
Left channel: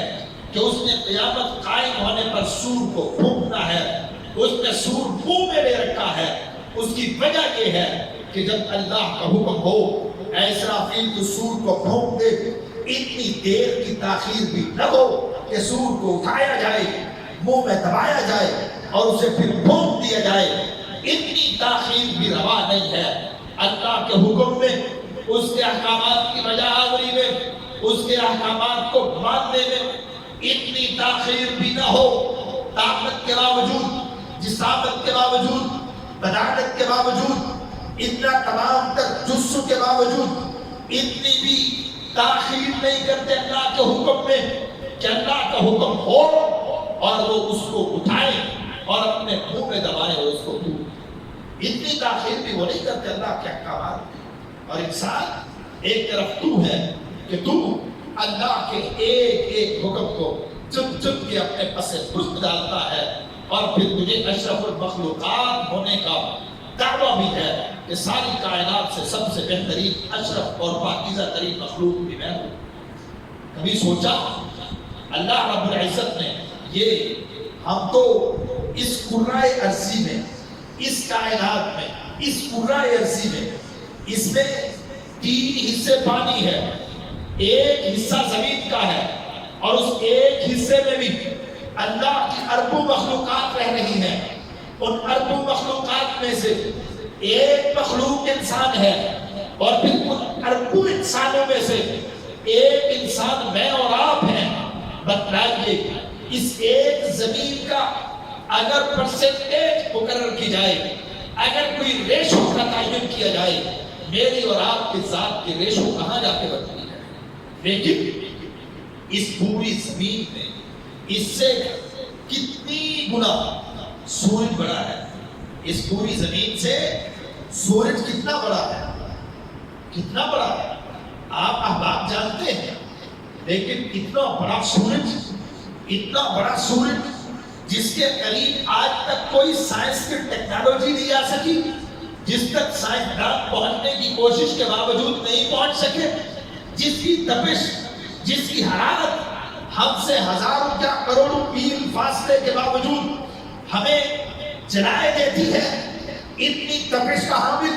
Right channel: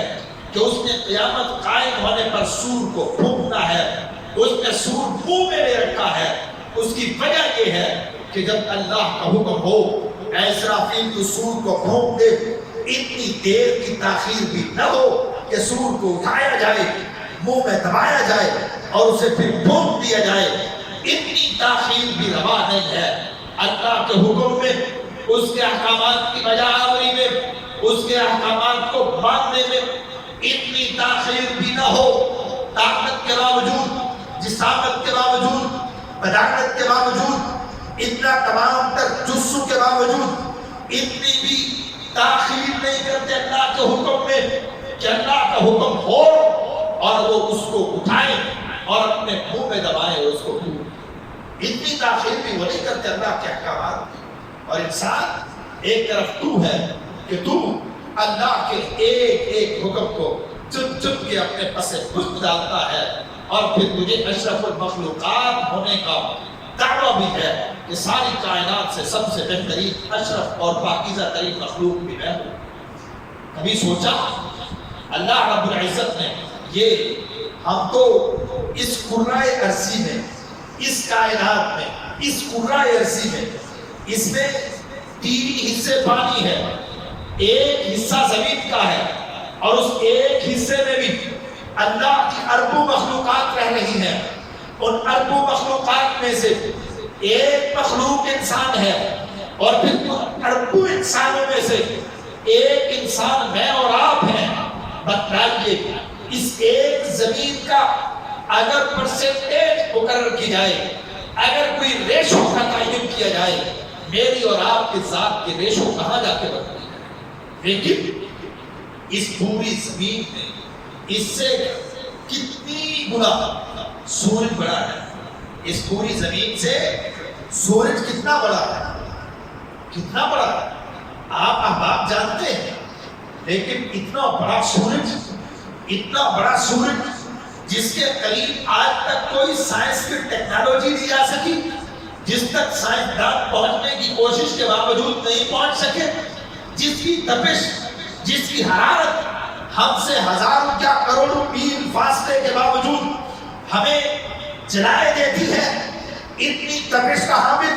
کہ اس نے قیامت قائم ہونے پر سور کو پھونکنا ہے، اس نے سور منہ میں لے رکھا ہے۔ اس کی وجہ یہ ہے کہ جب اللہ کا حکم ہو اے اسرافیل تو سور کو پھونک دے، اتنی دیر کی تاخیر بھی نہ ہو کہ سور کو اٹھایا جائے، منہ میں دبایا جائے اور اسے پھر پھونک دیا جائے، اتنی تاخیر بھی روا نہیں ہے۔ اللہ کے حکم میں، اس کے احکامات کی بجاوری میں، اس کے احکامات کو ماننے میں اتنی تاخیر بھی نہ ہو۔ طاقت کے باوجود، جسامت کے باوجود، بدانت کے باوجود، اتنا تمام تر جسو کے باوجود اتنی بھی تاخیر نہیں کرتے اللہ کے حکم میں کہ اللہ کا حکم ہو اور وہ اس کو اٹھائیں اور اپنے منہ میں دبائیں اس کو۔ اتنی تاخیر بھی وہ نہیں کرتے اللہ کے احکامات میں. اور انسان ایک طرف تو ہے کہ تو اللہ کے ایک ایک حکم کو چن چن کے اپنے پس پشت ڈالتا ہے، اور پھر تجھے اشرف المخلوقات ہونے کا دعویٰ بھی ہے کہ ساری کائنات سے سب سے بہترین اشرف اور پاکیزہ ترین مخلوق بھی میں ہوں. کبھی سوچا اللہ رب العزت نے یہ ہم کو اس کرۂ ارضی میں، اس کائنات میں، اس کرۂ ارضی میں، اس میں 3 حصے پانی ہے، ایک حصہ زمین کا ہے، اور اس ایک حصے میں بھی اللہ کی اربوں مخلوقات رہ رہی ہیں. ان اربوں مخلوقات میں سے ایک مخلوق انسان ہے، اور پھر ان اربوں انسانوں میں سے ایک انسان میں اور آپ ہیں. بتلائیے اس ایک زمین کا اگر پرسنٹیج مقرر کی جائے، اگر کوئی ریشو کا تعین کیا جائے، میری اور آپ کے ذات کے ریشو کہاں جا کے بنتی ہے؟ لیکن اس پوری زمین میں اس سے کتنی گنا سورج بڑا ہے. اس پوری زمین سے سورج کتنا بڑا ہے، کتنا بڑا ہے آپ احباب جانتے ہیں. لیکن اتنا بڑا سورج، اتنا بڑا سورج جس کے قریب آج تک کوئی سائنس کی ٹیکنالوجی نہیں آ سکی، جس تک سائنسدان پہنچنے کی کوشش کے باوجود نہیں پہنچ سکے، جس کی تپش، جس کی حرارت ہم سے ہزاروں کیا کروڑوں میل فاصلے کے باوجود ہمیں جلائے دیتی ہے. اتنی تپش کا حامل،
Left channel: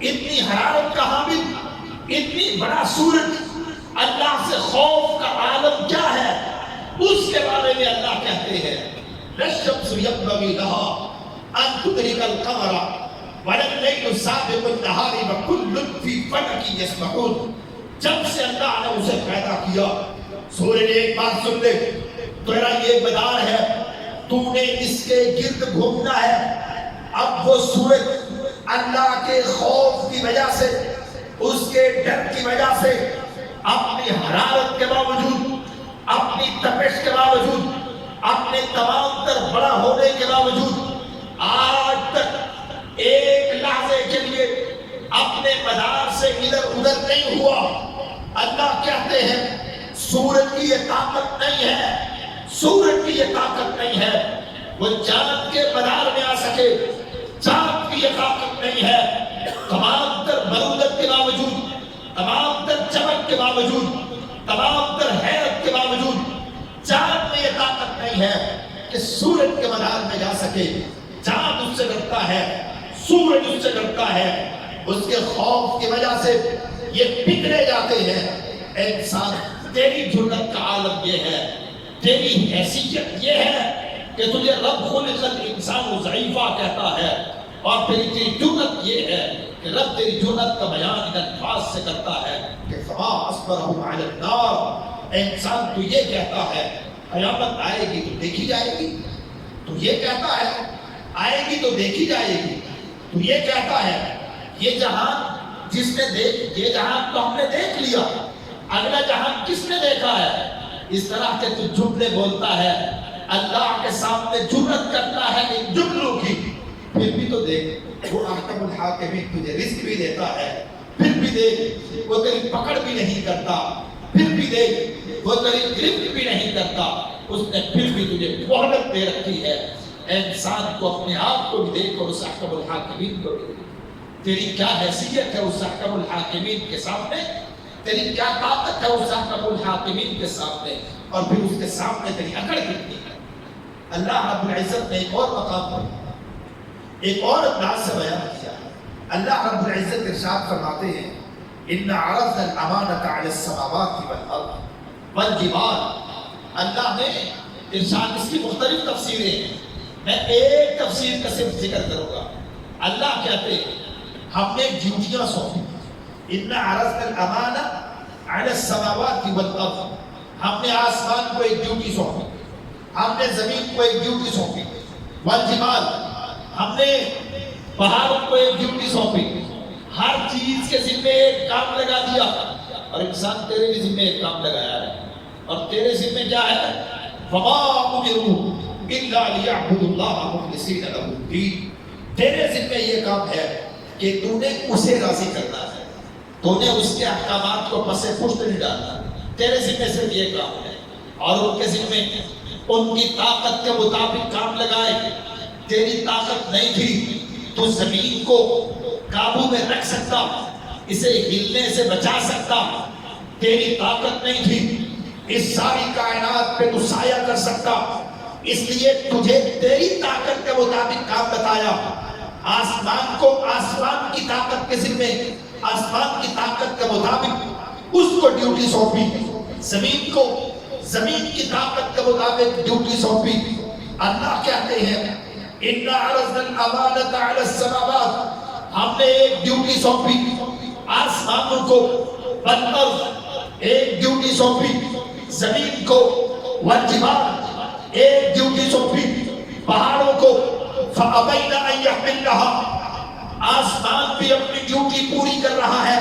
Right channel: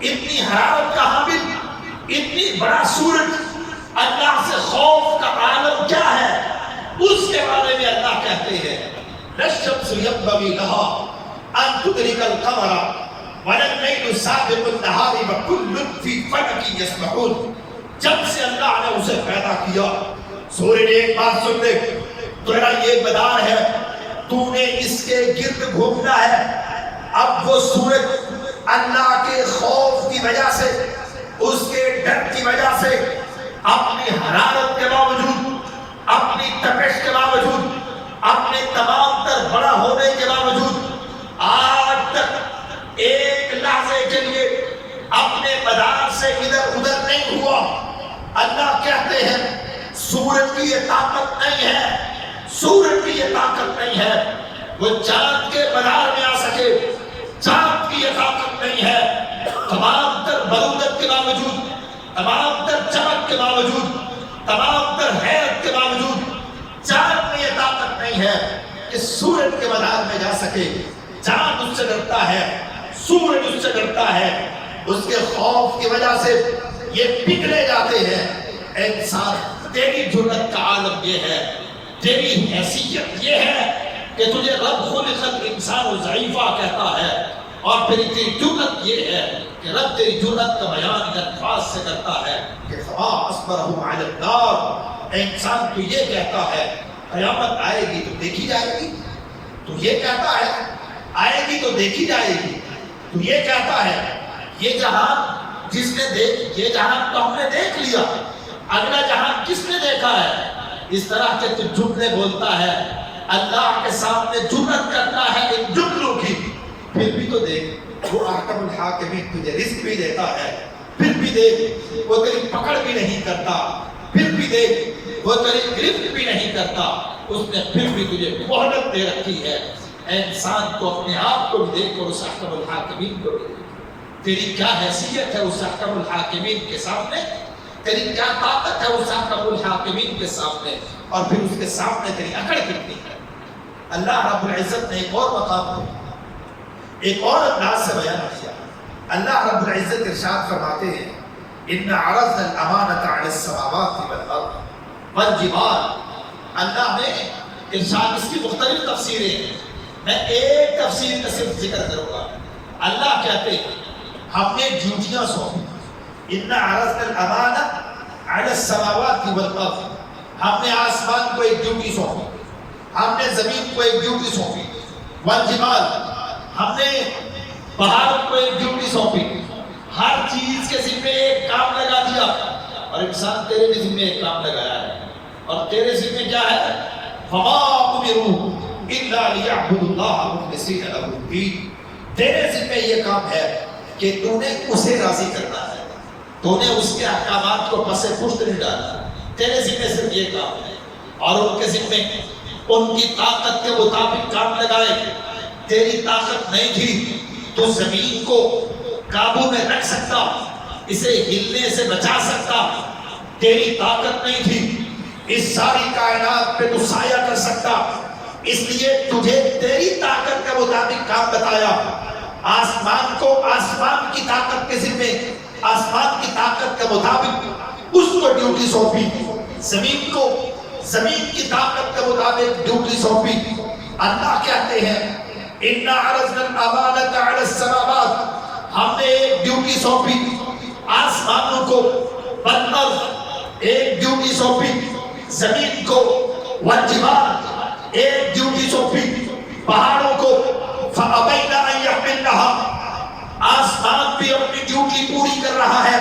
اتنی حرارت کا حامل، اتنی بڑا سورج، اللہ سے خوف کا عالم کیا ہے اس کے بارے میں اللہ کہتے ہیں الشمس ينبغي لها ان تدرك القمر ولا الليل سابق النهار وكل في فلك يسبحون. جب سے اللہ نے اسے پیدا کیا، سورج ایک بات سن لے، تیرا یہ میدان ہے، تو نے اس کے گرد گھومنا ہے. اب وہ سورج اللہ کے خوف کی وجہ سے، اس کے ڈر کی وجہ سے، اپنی حرارت کے باوجود، اپنی تپش کے باوجود، اپنے تمام تر بڑا ہونے کے باوجود آج تک ایک لحظے کے لیے اپنے مدار سے ادھر ادھر نہیں ہوا. اللہ کہتے ہیں سورج کی یہ طاقت نہیں ہے، سورج کی یہ طاقت نہیں ہے وہ چاند کے مدار میں آ سکے، چاند کی یہ طاقت نہیں ہے. تمام تر برودت کے باوجود، تمام تر چمک کے باوجود، تمام تر حیرت کے باوجود چاند میں یہ طاقت نہیں ہے کہ سورج کے مدار میں جا سکے. چاند اس سے ڈرتا ہے، سورج اس سے ڈرتا ہے، اس کے خوف کی وجہ سے یہ بگڑے جاتے ہیں. انسان تیری جرأت کا عالم یہ ہے، تیری حیثیت یہ ہے کہ تجھے رب خلق الانسان ضعیفہ کہتا ہے، اور تیری جرأت یہ ہے کہ رب تیری جرأت کا بیان ان الفاظ سے کرتا ہے کہ فما اصبرهم علی النار. انسان تو یہ کہتا ہے قیامت آئے گی تو دیکھی جائے گی، تو یہ کہتا ہے آئے گی تو دیکھی جائے گی، تو یہ کہتا ہے یہ جہان جس نے یہ جہان تو ہم نے دیکھ لیا، اگلا جہان کس نے دیکھا ہے؟ اس طرح کے تو جملے بولتا ہے، اللہ کے سامنے جرأت کرتا ہے ان جملوں کی. پھر بھی تو دیکھ وہ احکم الحاکمین تجھے رزق بھی دیتا ہے، پھر بھی دیکھ وہ تیری پکڑ بھی نہیں کرتا، پھر بھی دیکھ وہ تیری گرفت بھی نہیں کرتا، اس نے پھر بھی تجھے مہلت دے رکھی ہے. انسان کو اپنے آپ کو بھی دیکھ اور اس احکم الحاکمین کو بھی. تیری کیا حیثیت ہے اس احکم الحاکمین کے سامنے، تیری کیا طاقت ہے اس احکم الحاکمین کے سامنے، اور پھر اس کے سامنے تیری اکڑ کتنی ہے. اللہ رب العزت نے ایک اور مقام پر ایک اور انداز سے بیان کیا. اللہ رب العزت ارشاد فرماتے ہیں ان عرضنا الامانۃ علی السماوات والارض والجبال. اللہ نے ارشاد، اس کی مختلف تفسیریں ہیں، میں ایک تفسیر کا صرف ذکر کروں گا. اللہ کہتے ہیں ہم نے ڈیوٹیاں سونپی، ان عرضنا الامانۃ علی السماوات والارض. ہم نے آسمان کو ایک ڈیوٹی سونپی، ہم نے زمین کو ایک ڈیوٹی سونپی، والجبال ہم نے پہاڑ کو ایک ڈیوٹی سونپی. ہر چیز کے ذمے ایک کام لگا دیا، اور انسان تیرے بھی ذمے ایک کام لگایا ہے، اور تیرے ذمے کیا ہے؟ فما امروا الا ليعبدوا الله مخلصين له الدين. تیرے ذمہ یہ کام ہے کہ تو نے اسے راضی کرنا ہے، تو نے اس کے احکامات کو پس پشت نہیں ڈالنا، تیرے ذمہ صرف یہ کام ہے۔ اور ان کے ذمہ ان کی طاقت کے مطابق کام لگائے۔ تیری طاقت نہیں تھی تو زمین کو قابو میں رکھ سکتا، اسے ہلنے سے بچا سکتا، تیری طاقت نہیں تھی اس ساری کائنات پہ تو سایہ کر سکتا، اس لیے تجھے تیری طاقت کے مطابق کام بتایا۔ آسمان کو آسمان کی طاقت کے ذمہ، آسمان کی طاقت کے مطابق اس کو ڈیوٹی سونپی، زمین کو زمین کی طاقت کے مطابق ڈیوٹی سونپی۔ اللہ کہتے ہیں اِنَّا عَرَضْنَا الْأَمَانَةَ عَلَى السَّمَاوَاتِ، ہم نے ایک ڈیوٹی سونپی آسمانوں کو، والارض ایک ڈیوٹی سونپی زمین کو، والجبال ایک ڈیوٹی سونپی پہاڑوں کو، فَأَبَيْنَ أَن يَحْمِلْنَهَا، آسمان بھی اپنی ڈیوٹی پوری کر رہا ہے،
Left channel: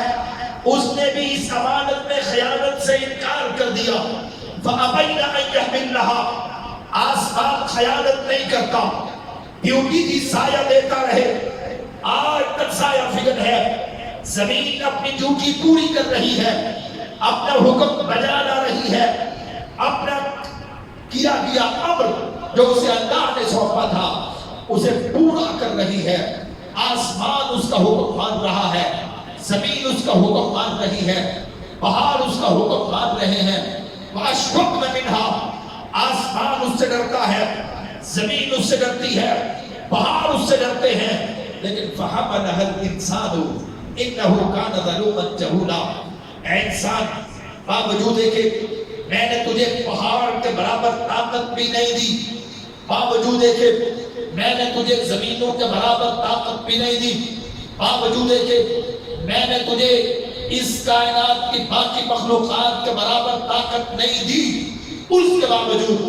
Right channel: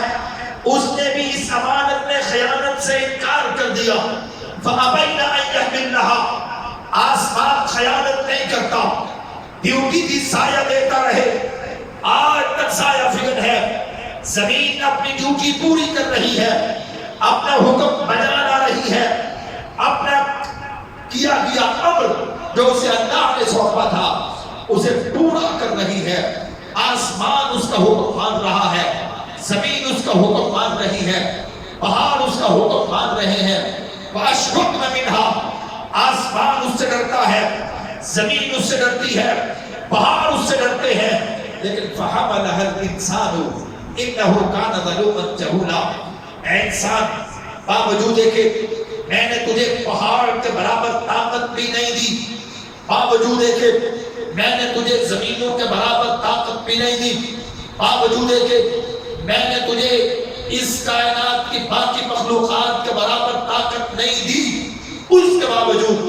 اس نے بھی اس امانت میں خیانت سے انکار کر دیا۔ فَأَبَيْنَ أَن يَحْمِلْنَهَا، آسمان خیانت نہیں کرتا، ڈیوٹی کی سایہ دیتا رہے، آج تک سایہ فکر ہے، زمین اپنی ڈیوٹی پوری کر رہی ہے، اپنا حکم بجا لا رہی ہے، اپنا کیا گیا امر جو اسے اللہ نے سونپا تھا اسے پورا کر رہی ہے۔ آسمان اس کا حکم مان رہا ہے، زمین اس کا حکم مان رہی ہے، پہاڑ اس کا حکم مان رہے ہیں۔ وَأَشْفَقْنَ مِنْهَا، آسمان اس سے ڈرتا ہے، زمین اس سے ڈرتی ہے، پہاڑ اس سے ڈرتے ہیں، لیکن فَحَمَلَهَا الْإِنسَانُ إِنَّهُ كَانَ ظَلُومًا جَهُولًا، اے انسان باوجود ہے کہ میں نے تجھے پہاڑ کے برابر طاقت بھی نہیں دی، باوجود ہے کہ میں نے تجھے زمینوں کے برابر طاقت بھی نہیں دی، باوجود ہے کہ میں نے تجھے اس کائنات کی باقی مخلوقات کے برابر طاقت نہیں دی، اس کے باوجود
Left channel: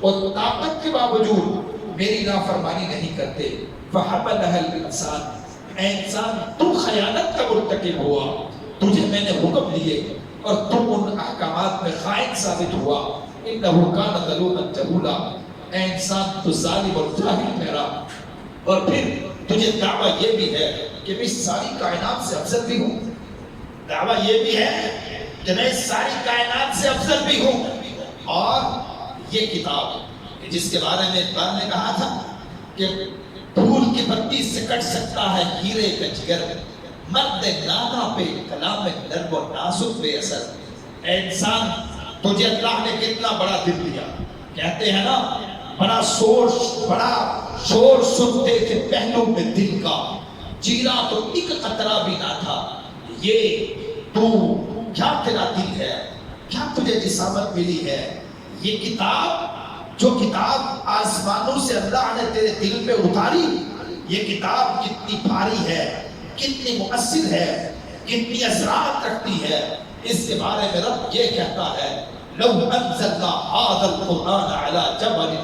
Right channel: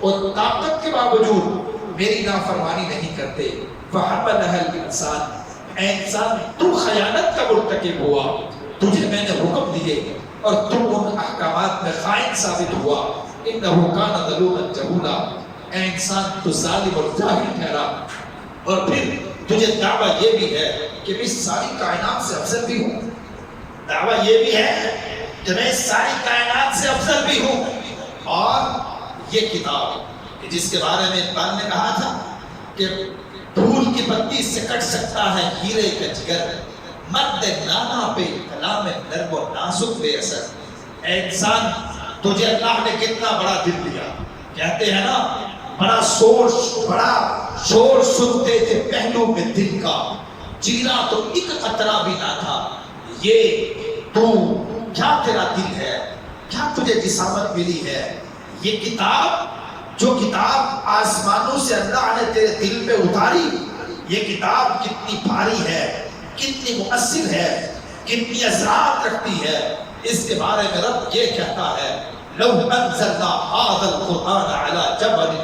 اور طاقت کے باوجود میری نافرمانی نہیں کرتے۔ فَحَمَلَهَا الْإِنسَانُ، اے انسان تو خیانت کا مرتکب ہوا، تجھے میں نے حکم دیے اور تم ان احکامات میں خائن ثابت ہوا۔ إِنَّهُ كَانَ ظَلُومًا جَهُولًا، اے انسان تو ظالم اور جاہل ٹھہرا۔ اور پھر تجھے دعویٰ یہ بھی ہے کہ میں اس ساری کائنات سے افضل بھی ہوں، دعویٰ یہ بھی ہے کہ میں اس ساری کائنات سے افضل بھی ہوں۔ اور یہ کتاب جس کے بارے میں اقبال نے کہا تھا کہ پھول کی پتی سے کٹ سکتا ہے ہیرے کا جگر، مرد نانا پہ کلام نرم و نازک بے اثر۔ اے انسان تجھے اللہ نے کتنا بڑا دل دیا، کہتے ہیں نا بڑا شور سنتے تھے پہلو میں دل کا، جینا تو ایک قطرہ بھی نہ تھا، یہ تو کیا تیرا دل ہے، کیا تجھے جسامت ملی ہے۔ یہ کتاب جو کتاب آسمانوں سے اللہ نے تیرے دل پہ اتاری، یہ کتاب کتنی بھاری ہے، کتنی مؤثر ہے، کتنی اثرات رکھتی ہے، اس کے بارے میں رب یہ کہتا ہے لو انزلنا هذا القرآن على جبل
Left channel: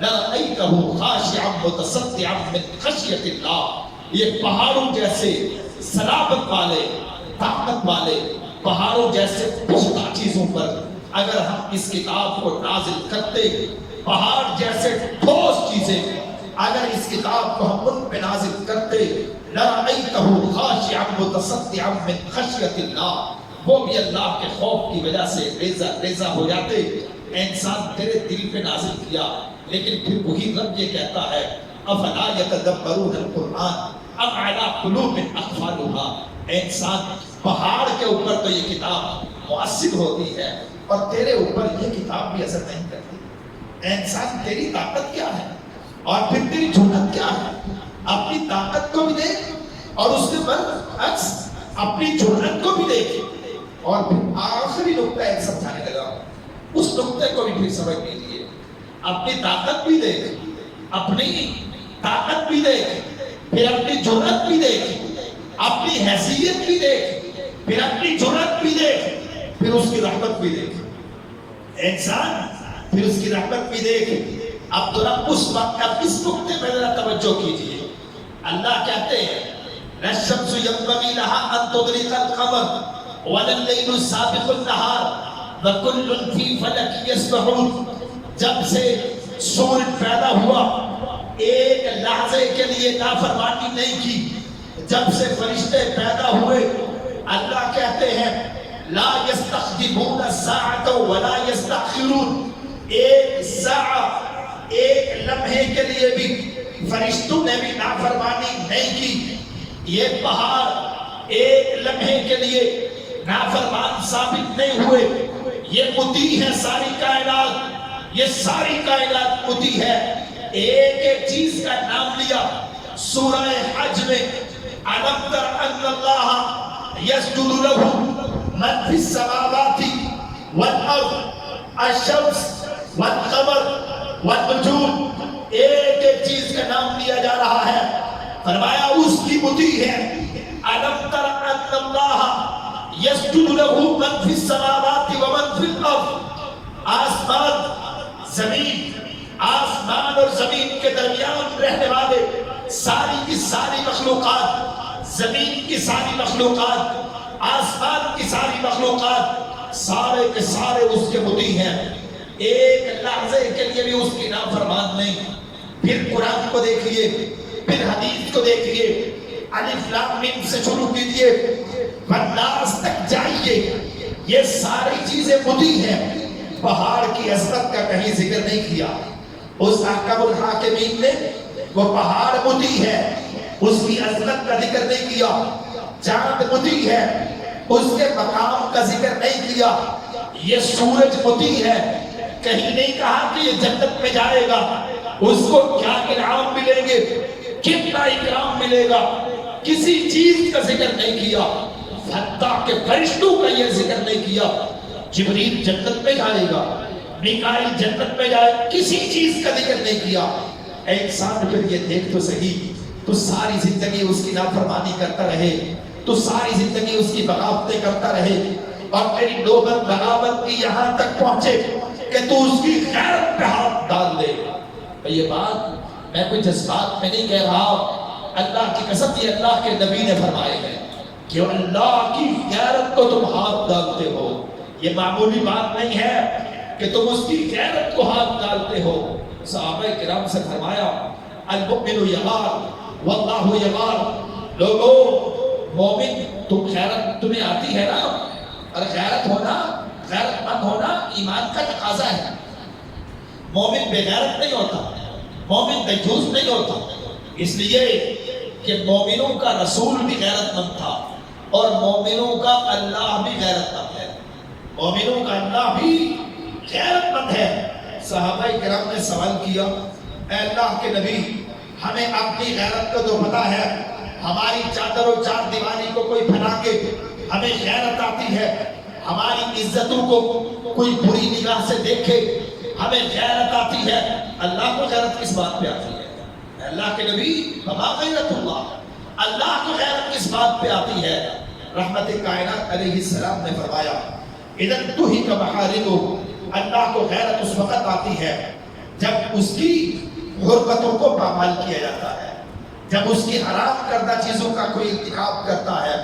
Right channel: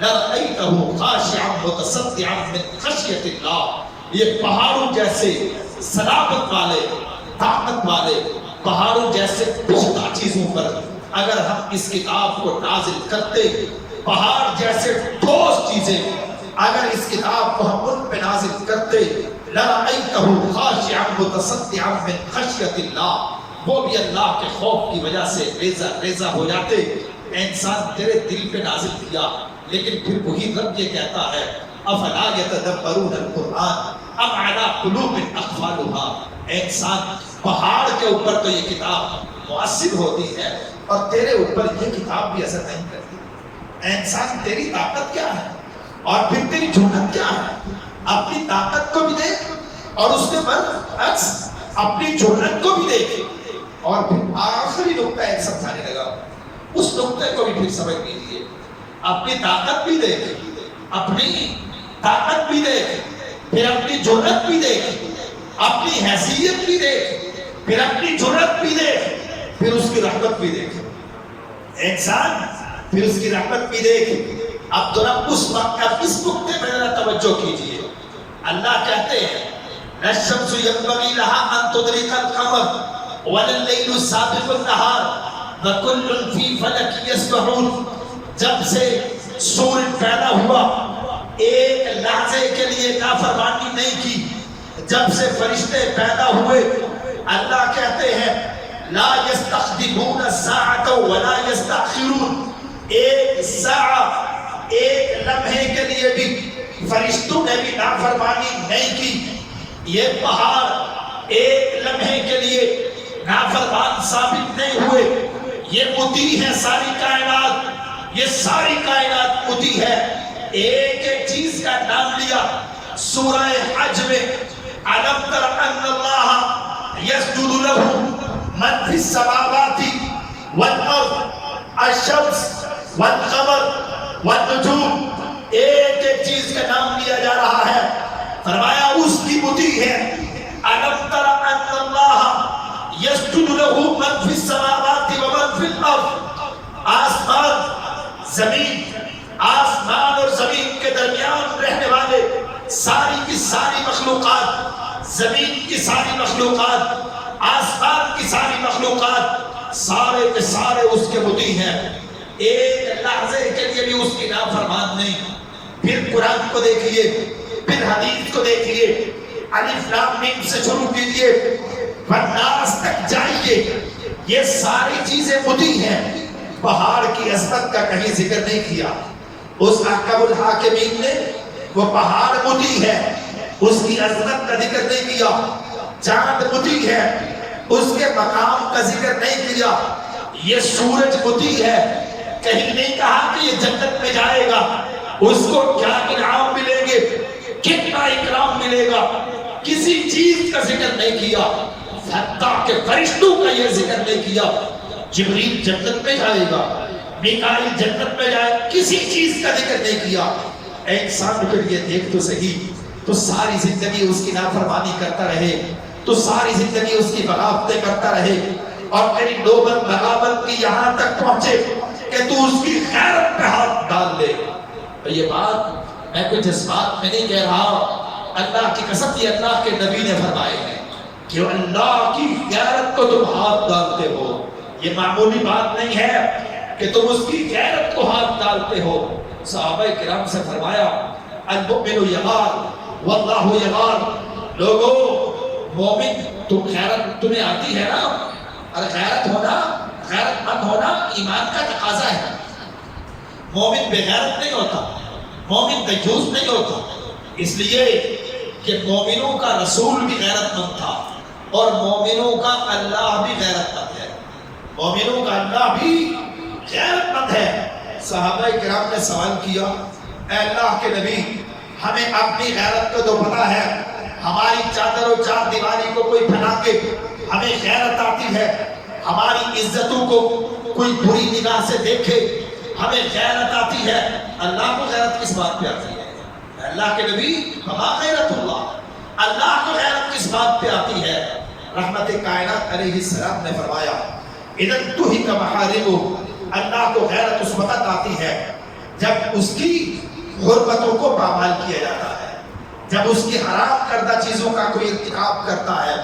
لرأيته خاشعا متصدعا من خشية الله، یہ پہاڑوں جیسے صلابت والے، طاقت والے پہاڑوں جیسے پختہ چیزوں پر اگر ہم اس کتاب کو نازل کرتے، پہاڑ جیسے ٹھوس چیزیں اگر اس کتاب کو ہم ان پہ نازل کرتے، لَرَأَيْتَهُ خَاشِعًا مُتَصَدِّعًا مِنْ خَشْيَةِ اللَّهِ، وہ بھی اللہ کے خوف کی وجہ سے ریزہ ہو جاتے۔ انسان تیرے دل پہ نازل کیا، لیکن پھر وہی رب یہ کہتا ہے أَفَلَا يَتَدَبَّرُونَ الْقُرْآنَ أَمْ عَلَىٰ قُلُوبٍ أَقْفَالُهَا، انسان پہاڑ کے اوپر تو یہ کتاب مؤثر ہوتی ہے اور تیرے اوپر یہ کتاب بھی اثر نہیں کرتی۔ انسان تیری طاقت کیا ہے اور پھر تیری جرأت کیا ہے، اپنی طاقت کو بھی دیکھ اور اس کے برعکس اپنی جرأت کو بھی دیکھ، اور پھر آخری نقطہ ایک سمجھانے لگا اس نقطے کو بھی پھر سمجھ لیجیے۔ اپنی طاقت بھی دیکھ، اپنی طاقت بھی دیکھ، پھر اپنی جرأت بھی دیکھ، اپنی حیثیت بھی دیکھ، پھر اپنی جرأت بھی دیکھ، پھر اس کی رحمت بھی دیکھ۔ انسان پھر اس کی رحمت بھی دیکھ۔ اب ذرا اس وقت اب اس نقطے میں ذرا توجہ کیجیے۔ اللہ کہتے ہیں الشمس ينبغي لها ان تدرك القمر والليل سابق النهار وكل في فلك يسبحون، جب سے سورج پیدا ہوا ایک لحظے کے لیے نافرمانی نہیں کی. جب سے فرشتے پیدا ہوئے اللہ کہتے ہیں لا یستقدمون الساعة ولا یستأخرون. ایک ساعت ایک لمحے کے لیے بھی فرشتوں نے بھی نافرمانی نہیں کی. یہ پہاڑ ایک لمحے کے لیے نافرمان ثابت نہیں ہوئے. یہ مطیع ہے ساری کائنات, یہ ساری کائنات مطیع ہے. ایک ایک چیز کا نام لیا سورہ حج میں. أَلَمْ تَرَ أَنَّ اللَّهَ يَسْجُدُ لَهُ مَنْ فِي السَّمَاوَاتِ وَالْأَرْضِ الشَّمْسُ وَالْقَمَرُ وَالنُّجُومُ. ایک ایک چیز کا نام لیا جا رہا ہے. فرمایا اس کی مطیع ہے. أَلَمْ تَرَ أَنَّ اللَّهَ يَسْجُدُ لَهُ مَنْ فِي السَّمَاوَاتِ وَمَنْ فِي الْأَرْضِ. آسمان زمین, آسمان اور زمین کے درمیان رہنے والے ساری کی ساری مخلوقات, زمین کی ساری مخلوقات, آسمان کی ساری مخلوقات, سارے کے سارے اس کے مطیع ہیں. ایک لحظے کے لیے بھی اس کی نافرمان نہیں. پھر قرآن کو دیکھیے, پھر حدیث کو دیکھیے. الف لام میم سے شروع کیجیے, والناس تک جائیے. یہ ساری چیزیں مطیع ہیں. پہاڑ کی عظمت کا کہیں ذکر نہیں کیا. اس احکم الحاکمین نے وہ پہاڑ مطیع ہے, اس کی عظمت کا ذکر نہیں کیا. چاند مطیع ہے, اس کے مقام کا ذکر نہیں کیا. یہ سورج مطیع ہے, کہیں نہیں کہا کہ یہ جنت میں جائے گا, اس کو کیا انعام ملیں گے, کتنا اکرام ملے گا, کسی چیز کا ذکر نہیں کیا. حتیٰ کہ فرشتوں کا یہ ذکر نہیں کیا. جبریل جنت میں جائے گا, میکائیل جنت میں جائے, کسی چیز کا ذکر نہیں کیا. انسان کے لیے دیکھ تو صحیح, تو ساری زندگی اس کی نافرمانی کرتا رہے, تو ساری زندگی اس کی بغاوتیں کرتا رہے, اور تیری نوبت بغاوت کی یہاں تک پہنچے کہ تو اس کی غیرت پہ ہاتھ ڈال دے. یہ بات میں کوئی جذبات میں نہیں کہہ رہا, اللہ کی قسم یہ اللہ کے نبی نے فرمائے ہیں کہ اللہ کی غیرت کو تم ہاتھ ڈالتے ہو. یہ معمولی بات نہیں ہے کہ تم اس کی غیرت کو ہاتھ ڈالتے ہو. صحابہ کرام سے فرمایا المؤمن یغار واللہ یغار. لوگو مومن, تم غیرت تمہیں آتی ہے نا, اور غیرت ہونا, غیرت مند ہونا ایمان کا تقاضا ہے. مومن بے غیرت نہیں ہوتا, مومن دیوس نہیں ہوتا. اس لیے کہ مومنوں کا رسول بھی غیرت مند تھا, اور مومنوں کا اللہ بھی غیرت مند ہے. مومنوں کا اللہ بھی غیرت مند ہے. صحابہ کرام نے سوال کیا, اے اللہ کے نبی, ہمیں اپنی غیرت کا تو پتہ ہے, ہماری چادر و چار دیواری کو کوئی پھیلا کے ہمیں غیرت آتی ہے, ہماری عزتوں کو کوئی بری نگاہ سے دیکھے ہمیں غیرت آتی ہے. اللہ کو غیرت کس بات پہ آتی ہے؟ اللہ کے نبی وما غیرت اللہ, اللہ کو غیرت کس بات پہ آتی ہے؟ رحمت کائنات علیہ السلام نے فرمایا اذن تہی کا محارم, اللہ کو غیرت اس وقت آتی ہے جب اس کی حرمتوں کو پامال کیا جاتا ہے, جب اس کی حرام کردہ چیزوں کا کوئی ارتکاب کرتا ہے.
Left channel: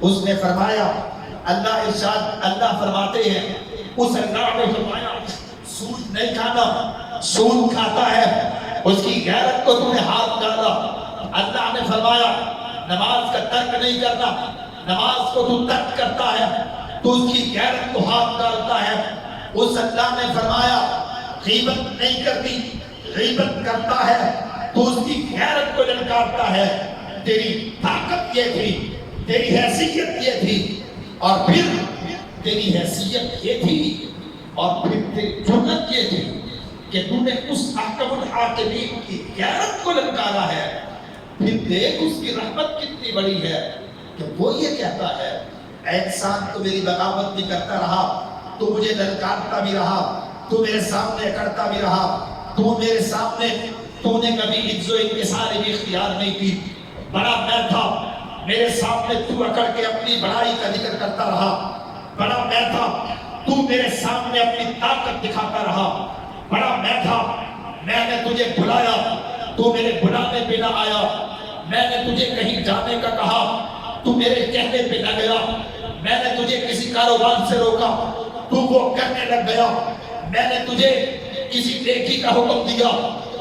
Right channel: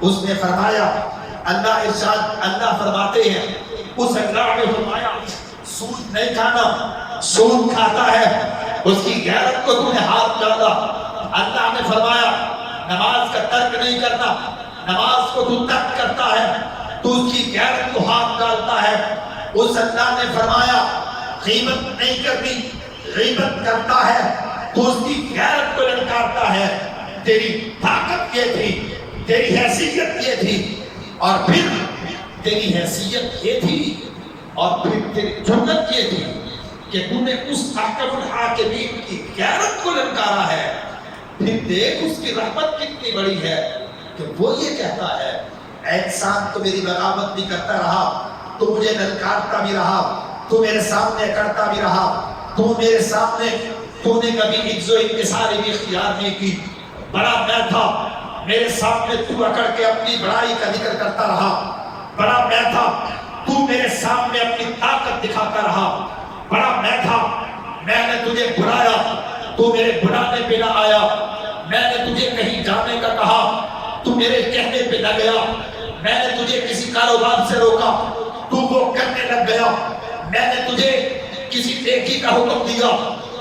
اس نے فرمایا, اللہ ارشاد, اللہ فرماتے ہیں, اس اللہ نے فرمایا سود نہیں کھانا, سود کھاتا ہے, اس کی غیرت کو تم نے ہاتھ ڈالا. اللہ نے فرمایا نماز کا ترک نہیں کرنا, نماز کو تو ترک کرتا ہے, تو اس کی غیرت کو ہاتھ ڈالتا ہے. اس اللہ نے فرمایا غیبت نہیں کرنی, غیبت کرتا ہے تو اس کی غیرت کو للکارتا ہے. تیری طاقت یہ تھی, تیری حیثیت یہ تھی, اور پھر تیری حیثیت یہ تھی, اور پھر تیری جرأت یہ تھی کہ تو نے اس احکم الحاکمین کی غیرت کو للکارا ہے. پھر دیکھ اس کی رحمت کتنی بڑی ہے کہ وہ یہ کہتا ہے اے انسان, تو میری بغاوت بھی کرتا رہا, تو مجھے للکارتا بھی رہا, تو میرے سامنے کرتا بھی رہا, تو میرے سامنے تو نے کبھی عجز و انکساری بھی اختیار نہیں کی. بڑا میں تھا, میرے سامنے تو اکڑ کے اپنی بڑائی کا ذکر کرتا رہا. بڑا میں تھا, تو میرے سامنے اپنی طاقت دکھاتا رہا. بڑا میں تھا, میں نے تجھے بلایا, تو میرے بلانے پہ نہ آیا. میں نے تجھے کہیں جانے کا کہا, تو میرے کہنے پہ نہ گیا. میں نے تجھے کسی کاروبار سے روکا, تو وہ کرنے لگ گیا. میں نے تجھے کسی نیکی کا حکم دیا,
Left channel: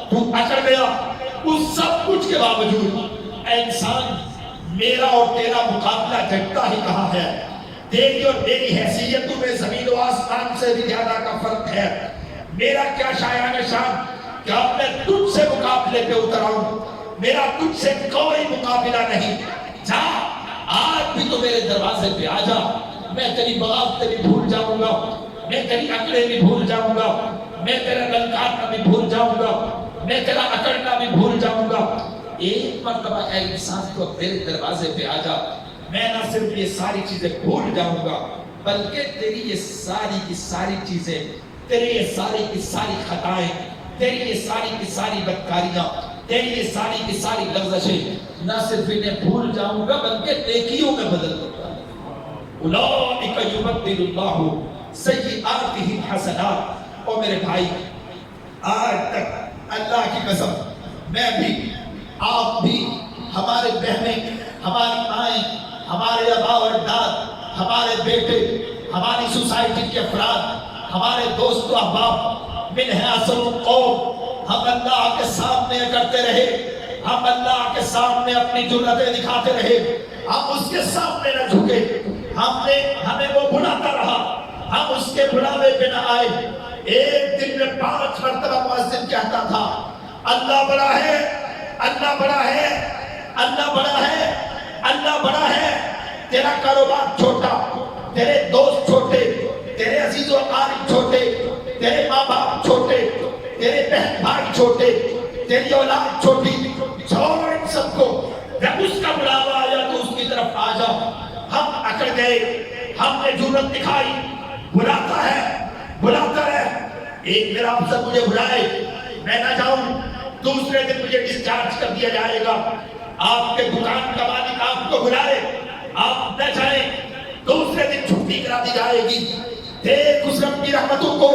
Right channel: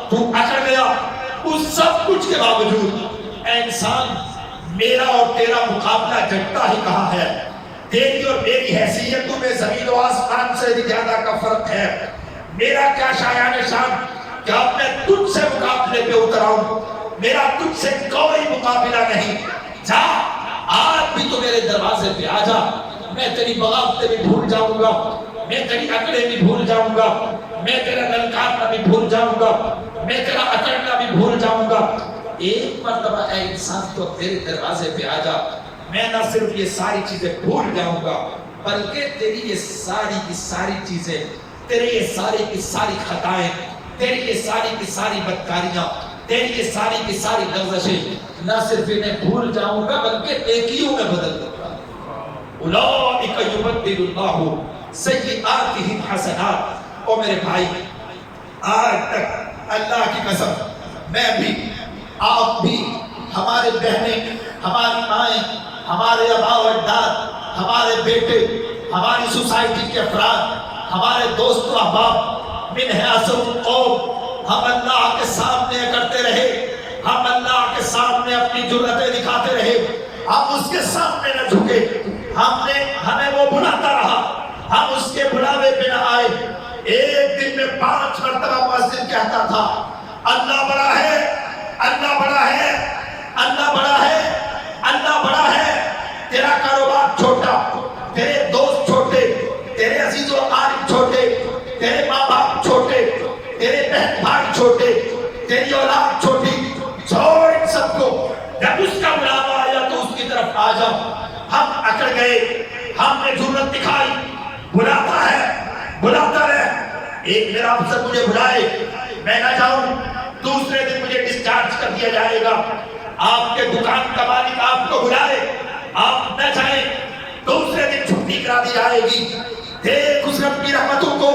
تو اکڑ گیا. اس سب کچھ کے باوجود اے انسان میرا اور تیرا مقابلہ جگتا ہی کہاں ہے؟ تیری اور میری حیثیتوں میں زمین و آسمان سے بھی زیادہ کا فرق ہے۔ میرا کیا شایان شان کہ اب میں تجھ سے مقابلے پہ اتر آؤں، میرا تجھ سے کوئی مقابلہ نہیں۔ جا آج بھی تو میرے دروازے پہ آ جا، میں تیری بغاوتیں بھی بھول جاؤں گا، میں تیری اکڑیں بھی بھول جاؤں گا، میں تیرا للکارنا بھی بھول جاؤں گا، میں تیرا اکڑنا بھی بھول جاؤں گا۔ ایک مرتبہ اے انسان تو میرے دروازے پہ آ جا، میں نہ صرف یہ ساری چیزیں بھول جاؤں گا بلکہ تیری یہ ساری کی ساری چیزیں، تیری یہ ساری کی ساری خطائیں، تیری یہ ساری کی ساری بدکاریاں، تیری یہ ساری کی ساری لغزشیں، نہ صرف انہیں بھول جاؤں گا بلکہ نیکیوں میں بدل دوں گا۔ اولئک یبدل اللہ سیئاتہم حسنات۔ او میرے بھائی، آج تک اللہ کی قسم میں بھی آپ بھی، ہمارے بہنیں، ہماری مائیں، ہمارے آباء و اجداد، ہمارے بیٹے، ہماری سوسائٹی کے افراد، ہمارے دوست و احباب من حیث القوم، ہم اللہ کے سامنے کرتے رہے، ہم اللہ کے سامنے اپنی جرأتیں دکھاتے رہے، ہم اس کے سامنے نہ جھکے، ہمیں وہ بلاتا رہا، ہم اس کے بلاوے پہ نہ آئے۔ ایک دن میں 5 مرتبہ مؤذن کہتا تھا اللہ بڑا ہے، اللہ بڑا ہے، اللہ بڑا ہے، اللہ بڑا ہے۔ تیرا کاروبار چھوٹا، تیرے دوست چھوٹے، تیرے عزیز و اقارب چھوٹے، تیرے ماں باپ چھوٹے، تیرے بہن بھائی چھوٹے، تیری اولاد چھوٹی، چھوڑ ان سب کو۔ جب اس کا بلاوا آیا تو اس کی طرف آ جاؤ۔ ہم اکڑ گئے، ہم نے جرأت دکھائی، بلاتا ہے، بلاتا ہے۔ ایک میرا افسر مجھے بلائے، میں نہ جاؤں، دوسرے دن مجھے ڈسچارج کر دیا جائے گا۔ آپ کے دکان کا مالک آپ کو بلائے، آپ نہ جائیں، دوسرے دن چھٹی کرا دی جائے گی۔ دیکھ اس رب کی رحمتوں کو،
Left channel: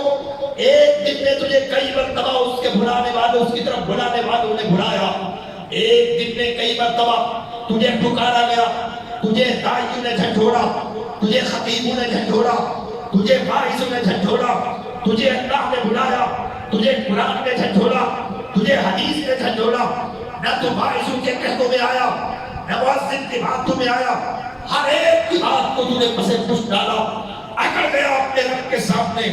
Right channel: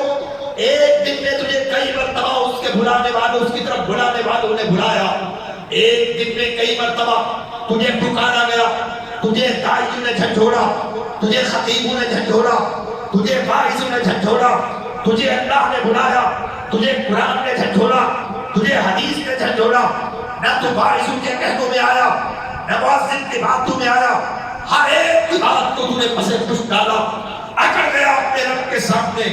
ایک دن میں تجھے کئی مرتبہ اس کے بلانے والوں، اس کی طرف بلانے والوں نے بلایا۔ ایک دن میں کئی مرتبہ تجھے پکارا گیا، تجھے داعیوں نے جھنجھوڑا، تجھے خطیبوں نے جھنجھوڑا، تجھے واعظوں نے جھنجھوڑا، تجھے اللہ نے بلایا، تجھے قرآن نے جھنجھوڑا، تجھے حدیث نے جھنجھوڑا۔ نہ تو واعظوں کے کہتوں میں آیا، نہ مؤذن کی باتوں میں آیا، ہر ایک کی بات کو تجھے پسے پشت ڈالا، اکڑ گیا اپنے رب کے سامنے۔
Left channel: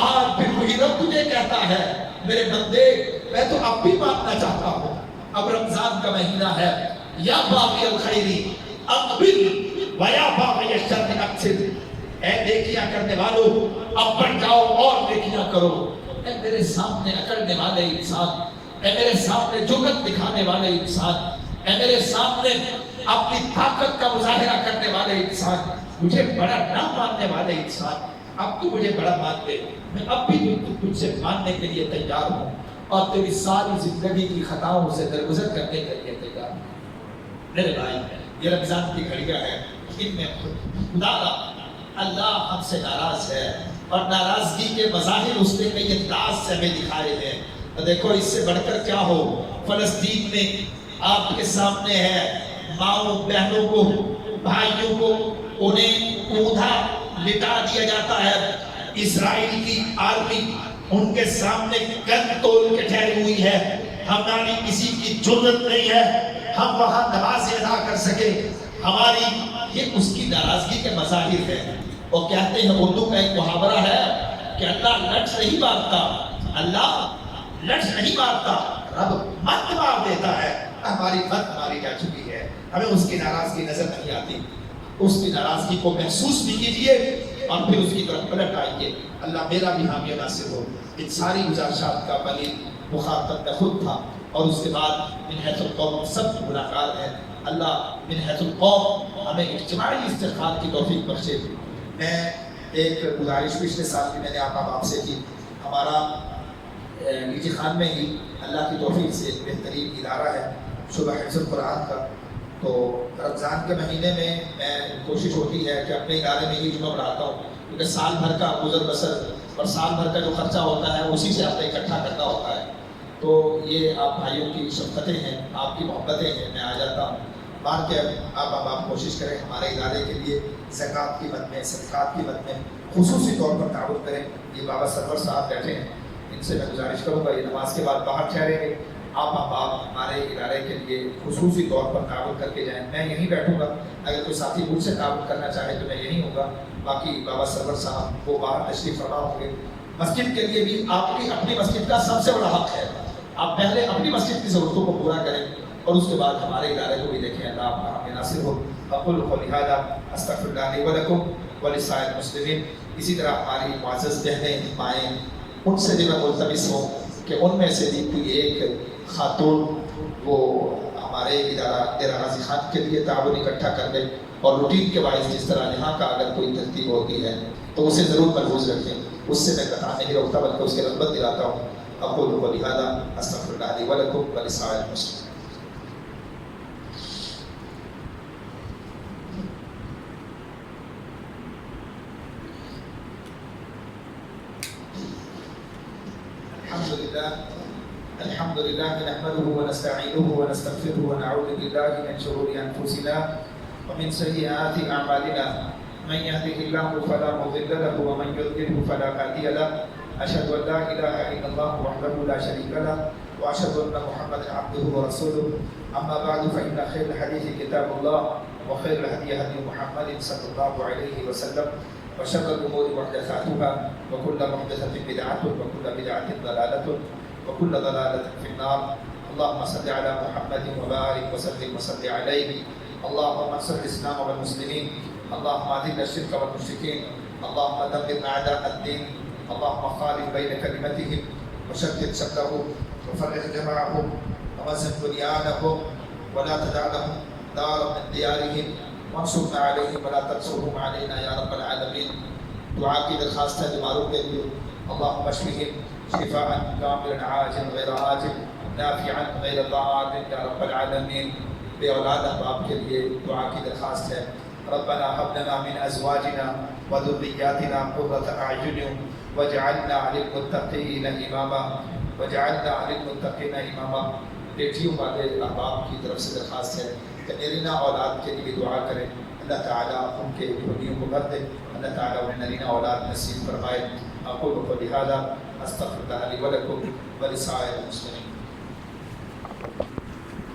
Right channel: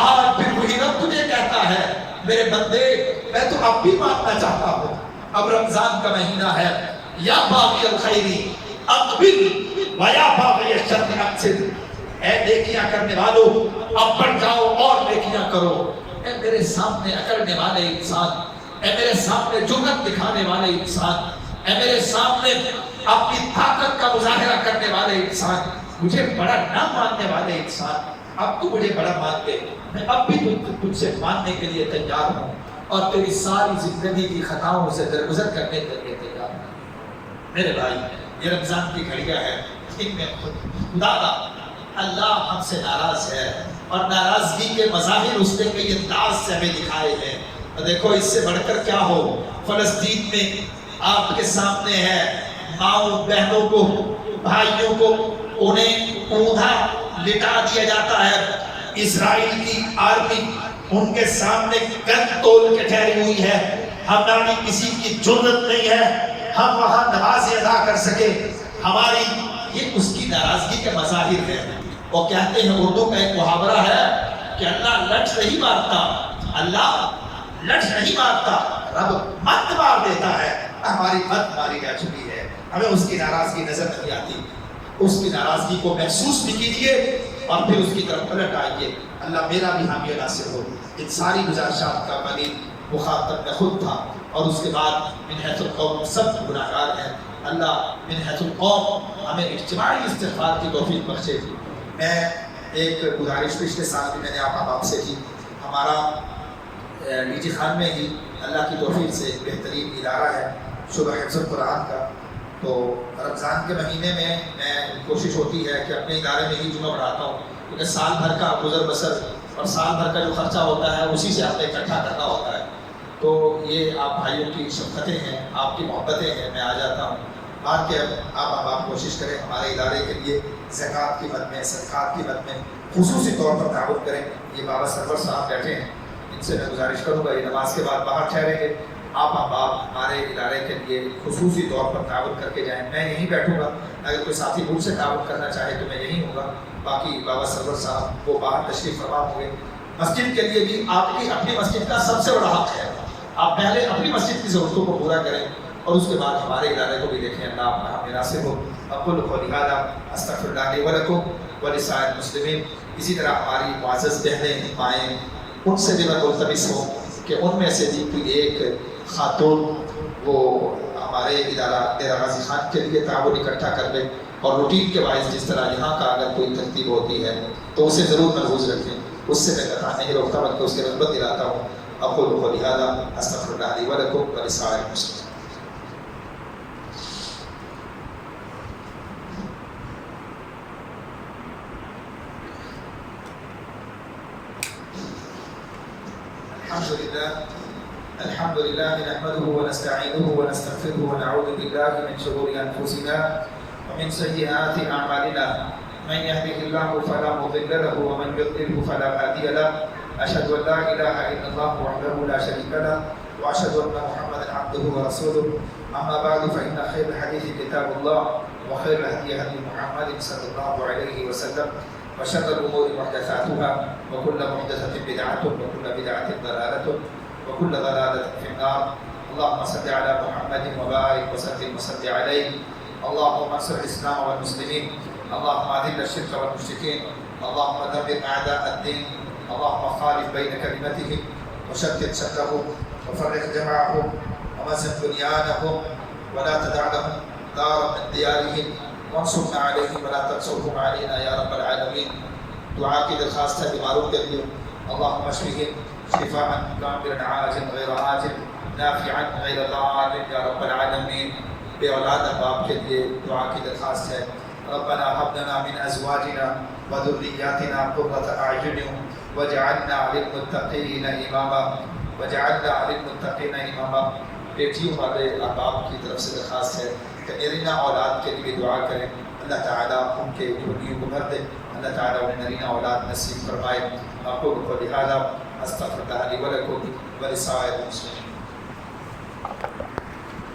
آج پھر وہی رب تجھے کہتا ہے میرے بندے میں تو اب بھی ماننا چاہتا ہوں، اب رمضان کا مہینہ ہے، یا باغی الخیری اقبل ویا باغی الشر اقصر۔ اے نیکیاں کرنے والوں اب بڑھ جاؤ اور نیکیاں کرو۔ اے میرے سامنے اکڑنے والے انسان، اے میرے سامنے جرأت دکھانے والے انسان، اے میرے سامنے اپنی طاقت کا مظاہرہ کرنے والے انسان، مجھے بڑا نہ ماننے والے انسان، اب تو مجھے بڑا مان دے، میں اب بھی تجھ سے ماننے کے لیے تیار ہوں اور تیری ساری زندگی کی خطاؤں سے درگزر کرنے کے لیے تیار ہوں۔ میرے بھائی، یہ رمضان کی گھڑیاں ہیں، ان میں خدا اللہ ہم سے ناراض ہے اور ناراضگی کے مظاہر اس نے کئی انداز سے ہمیں دکھائے ہیں۔ دیکھو اس سے بڑھ کر کیا ہو، فلسطین میں آپ کے سامنے ہے، ماؤں بہنوں کو، بھائیوں کو انہیں اونھا لٹا دیا جاتا ہے۔ اسرائیل کی آرمی ان کے سامنے گن تول کے ٹھہری ہوئی ہے، ہماری کسی کی جرأت نہیں ہے ہم وہاں نماز ادا کر سکے۔ ہماری یہ اس کی ناراضگی کے مظاہر ہیں۔ وہ کہتے ہیں، اردو کا ایک محاورہ ہے کہ اللہ لٹ نہیں مارتا، اللہ لٹ نہیں مارتا، رب مت مار دیتا ہے۔ ہماری مت ماری جا چکی ہے، ہمیں اس کی ناراضگی نظر نہیں آتی۔ اس کی ناراضگی کو محسوس بھی کیجیے اور پھر اس کی طرف پلٹ آئیے۔ اللہ میرا بھی حامی ناصر ہو۔ ان ساری گزارشات کا بنی مخاطب میں خود تھا، اور اس کے بعد من حیث القوم سب گناہگار ہیں۔ اللہ من حیث القوم ہمیں اجتماعی استغفار کی توفیق بخشے۔ میں ایک گزارش پچھلے سال بھی میں نے آپ سے کی، ہمارا نیچے خان میں ہی اللہ کی توفیق سے ایک بہترین ادارہ ہے شعبہ حفظ القرآن کا۔ تو رمضان کے مہینے میں کوشش ہوتی ہے کہ اپنے ادارے میں ہی جمعہ پڑھاتا ہوں، کیونکہ سال بھر کا گزر بسر اور سال بھر کا جو خرچہ ہوتا ہے اسی سے آپ نے اکٹھا کرنا ہوتا ہے۔ تو یہ آپ بھائیوں کی شفقتیں ہیں، آپ کی محبتیں ہیں، میں آ جاتا ہوں۔ بات کہ آپ کوشش کریں ہمارے ادارے کے لیے زکوٰۃ کی مد میں، صدقات کی مد میں خصوصی طور پر تعاون کریں۔ یہ بابا سرور صاحب بیٹھے ہیں، ان سے میں گزارش کروں گا، یہ نماز کے بعد باہر ٹھہریں گے، آپ احباب ہمارے ادارے کے لیے خصوصی طور پر تعاون کر کے جائیں. میں یہیں بیٹھوں گا, اگر کوئی ساتھی مجھ سے تعاون کرنا چاہے تو میں یہیں ہوں گا. باقی بابا سرور صاحب وہ باہر تشریف فرما ہوں گے. مسجد کے لیے بھی آپ کی اپنی مسجد کا سب سے بڑا حق ہے. آپ پہلے اپنی مسجد کی ضرورتوں کو پورا کریں اور اس کے بعد ہمارے ادارے کو بھی دیکھیں. اللہ ہمیں ناصر ہو. اقول قولی ھذا استغفر اللہ لی ولکم ولسائر المسلمین. اسی طرح ہماری معزز بہنیں مائیں, ان سے بھی میں ملتمس ہوں کہ ان میں سے بھی کوئی ایک خاتون وہ ہمارے ادارہ ڈیرہ غازی خان کے لیے تعاون اکٹھا کر لے, اور روٹین کے باعث جس طرح یہاں کا اگر کوئی ترتیب ہوتی ہے تو اسے ضرور محفوظ رکھیں. اس سے میں قطع نہیں روکتا بلکہ اس کی رغبت دلاتا ہوں. اقول قولی ھذا استغفر اللہ لی ولکم ولسائر المسلمین. الحمد لله نحمده ونستعينه ونستغفره ونعوذ بالله من شرور أنفسنا ومن سيئات أعمالنا. من يهده الله فلا مضل له ومن يضلل فلا هادي له. أشهد أن لا إله إلا الله وحده لا شريك له وأشهد أن محمدا عبده ورسوله. أما بعد فإن خير الحديث كتاب الله وخير الهدي هدي محمد صلى الله عليه وسلم وشر الأمور محدثاتها وكل محدثة بدعة وكل بدعة ضلالة وكل ضلالة في النار. اللهم صل على محمد وبارك وسلم وصل عليه. اللهم انصر الإسلام والمسلمين. اللهم أذل الشرك والمشركين. اللهم دمر أعداء الدين. اللهم خالف بين كلمتهم وشتت شملهم وفرق جمعهم ومزق بنيانهم ولا تدع لهم دارا من ديارهم وانصرنا عليهم ولا تنصرهم علينا يا رب العالمين. دعا کی درخواست ہے بیماروں کے لیے. اللهم اشفهم شفاء كاملا عاجلا غير آجل نافعا غير ضار يا رب العالمين. بے اولاد احباب کے لیے دعا کی درخواست ہے. ربنا هب لنا من ازواجنا وذرياتنا قرة اعين واجعلنا للمتقين اماما واجعلنا للمتقين اماما. بیٹیوں والے احباب کی طرف سے درخواست ہے کہ نرینہ اولاد کے لیے دعا کریں. اللہ تعالیٰ ان کے جھولیوں کو بھر دے. اللہ تعالیٰ انہیں نرینہ اولاد نصیب فرمائے. اقول قولی ھذا استغفر اللہ لی ولکم ولسائر المسلمین.